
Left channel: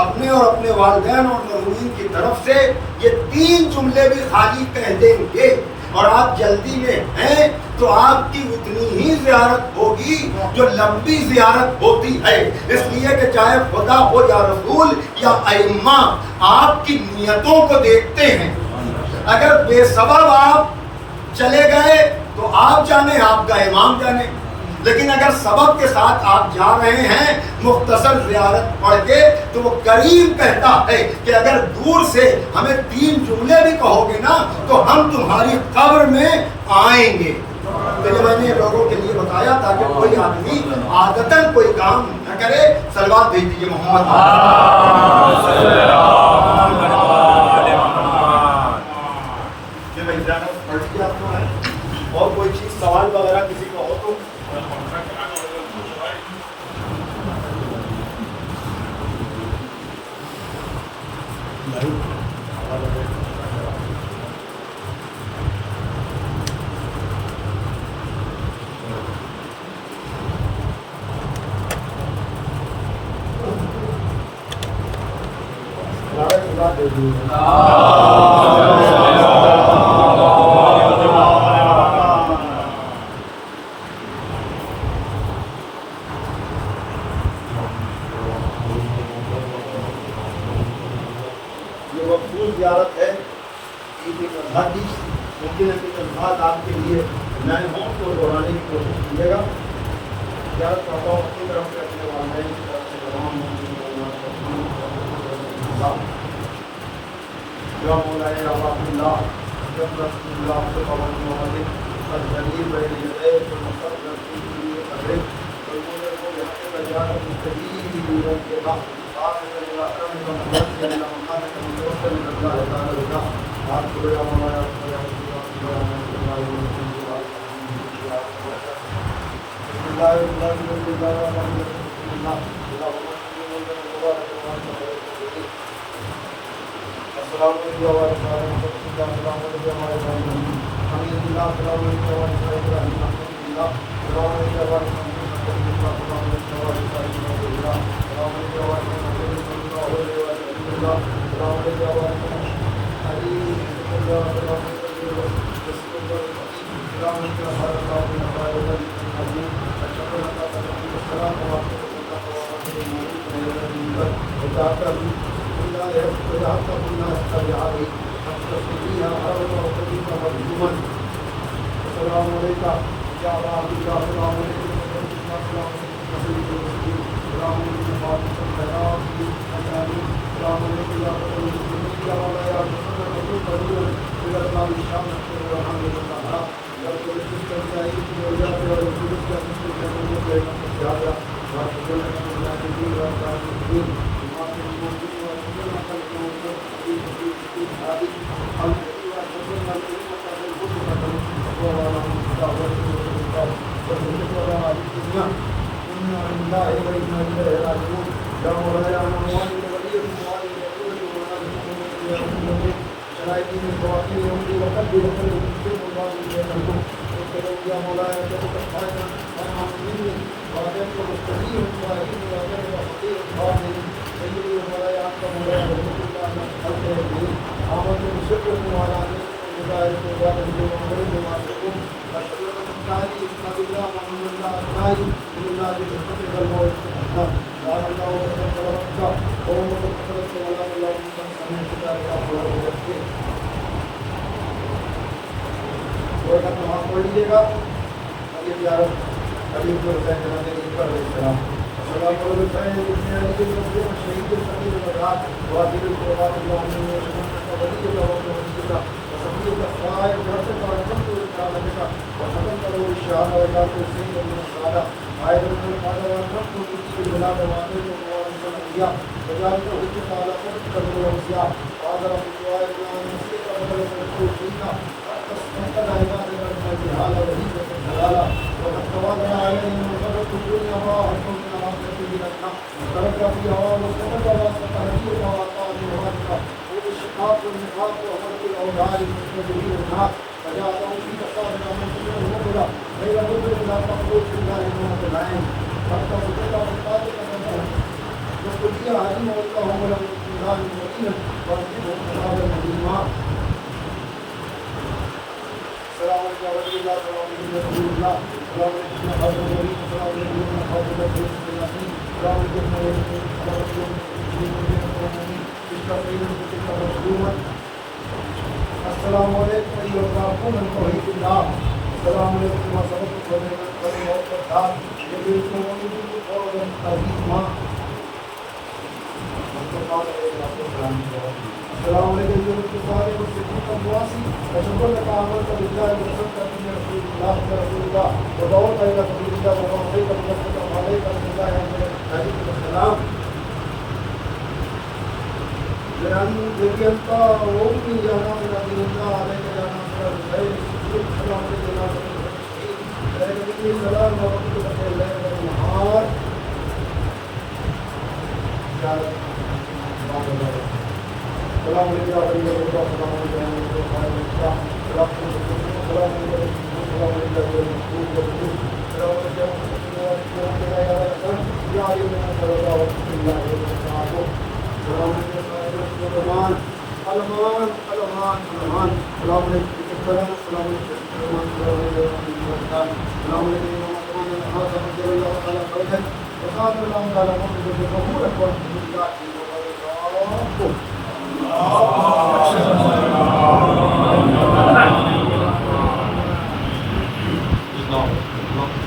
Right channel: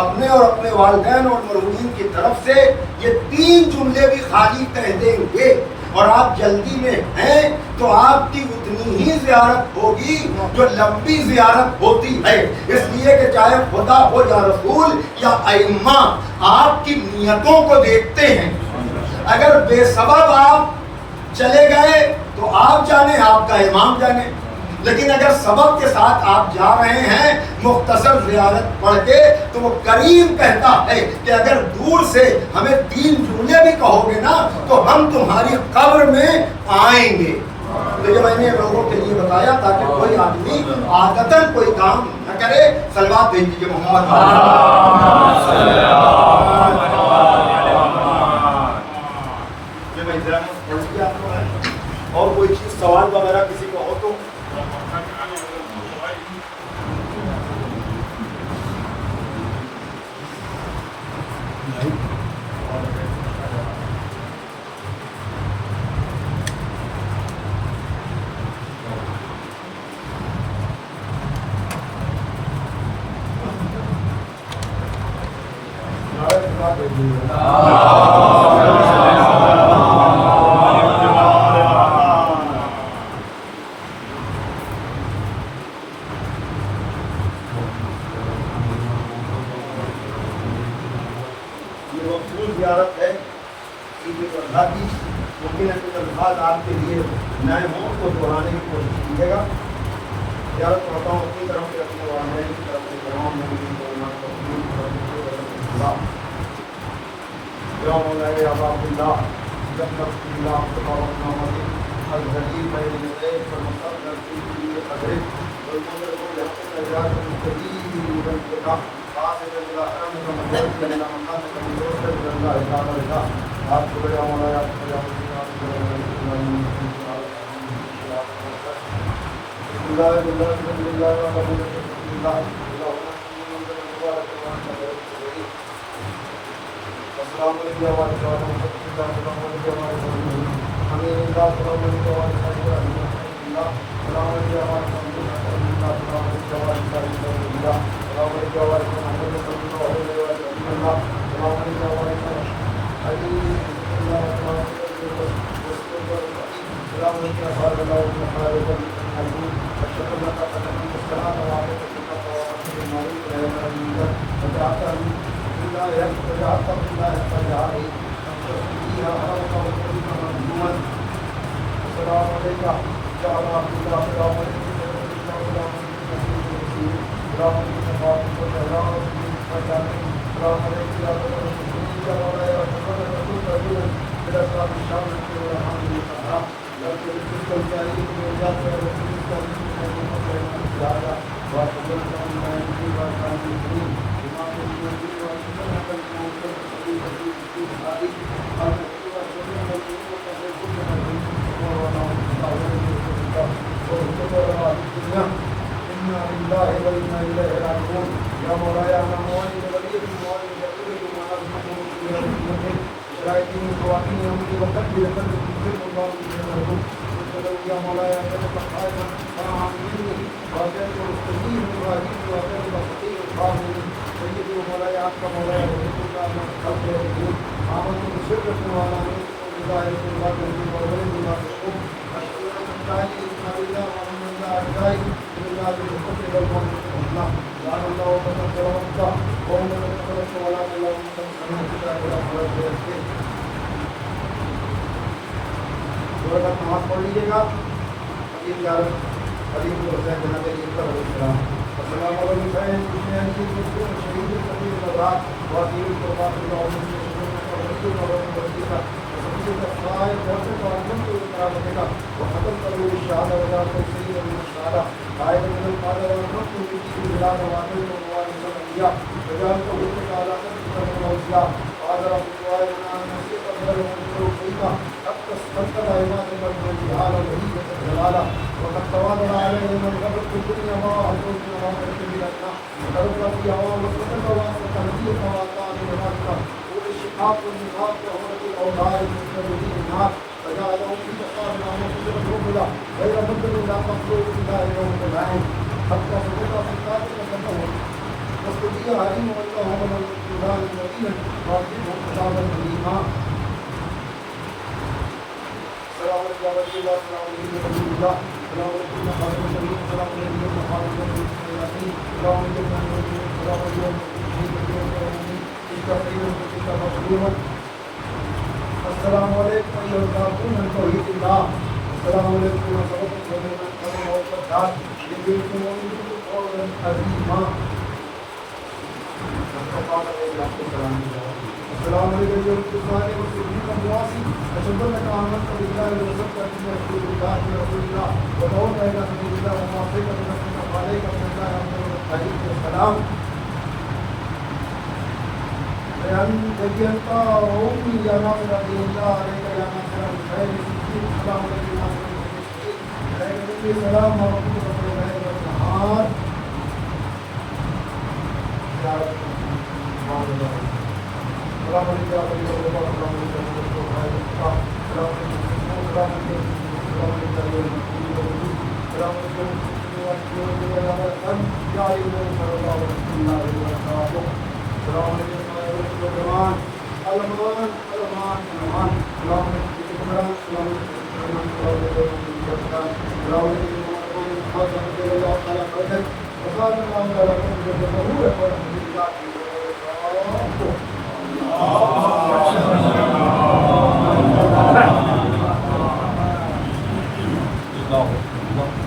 اپنے اور اپنے والدین اور مرحومین کی طرف سے یہ 3 جملے بھی خالی کہہ دیں گے اور آپ جلدی میں ہیں تو آپ کی اتنی ہی زیارت ہوگی جو لمبی زیارت ہوتی ہے. اس لیے کہ چاہے خدا ہو یا رسول یا ائمہ آپ کی نیتوں کو دیکھتے ہیں. اگر بے سبب آپ چلے گئے تو آپ جانے، آپ کا امام جانے. لیکن اگر سبب کے ساتھ آپ جا رہے ہیں مختصر زیارت پڑھ کے تو وہ کریم کہتا ہے کہ اگر دور سے ہمیں 3 جملے بھی کہو گے نا تو ہم تمہاری قبر میں آئیں گے. تو یہ میں نے لوگوں کے لیے بتایا تاکہ کوئی آدمی عادتاً کوئی کام نہ کرے. صلوات بھیج دیجیے محمد. اور کوئی چیز سوال وغیرہ کسی کا ہو تو زیارت ہے ممکن ہے کہ الفاظ آپ کے لیے نئے ہوں تو دہرانے کی کوشش کیجیے گا. زیارت کرتا ہوں اپنی طرف سے اپنے والدین کی طرف سے نماز پڑھ لیجیے گا. حبیب الحسین جناب اکبر علیہ السلام. السلام علیکم سید المسلمین شہید الصبر والعطاء وعدل القرآن اللهم وشكرك وليك وصفيك الصائب جرسك وأكرمت إكرامتك وختمت له بالشهادة ولا توصيل من السعادة عائلة من القادة وأكرمت به بالبلاد وأعطيت موارث الأنبياء وجعلت بك على خلقك من الأوصياء وأدر بالدعاء لنا نسيت غير وقلت فيك حتى استنقذ عبادك من الجهال وليك الجلالة وقد تواضع عليه من غدت الدنيا ما أعزوك على مدة بلادنا ترك فيها ومسكتك وأسلك نبيك وأعطاني نمازك وبالشقاق والنفاق وغرق الأوضاع المستمرين الناس فجعله في تقابل ومنتظر المقبلة غير مدر لا تقبل في الله يوم العين حتى سقط في قاتل فنه يستطيع عليم والله ولم يكن مبينا وأنتم أصحاب المدينة. السلام علیکم ورحمۃ اللہ. السلام علیکم رسول اللہ. السلام علیکم خاتم النبیین. السلام علیکم خاتم الرسول. السلام علیکم السلام علیکم السلام توحید اللہ. السلام علیکم سبق السلام علیکم سارے مسلمین کا مواسی اشهد انك آمنت بالله وصدقت ان رسول الله يا رسول الله ودعوت الى رسول الله وما صيت بنفسك عليك من الله عليه السلام لأن ذكرت وأمي يا نام دين الله عليك يا ناصر الخير. السلام عليكم يا ناصر الخير. السلام ورحمة الله وبركاته. السلام علیکم السلام No.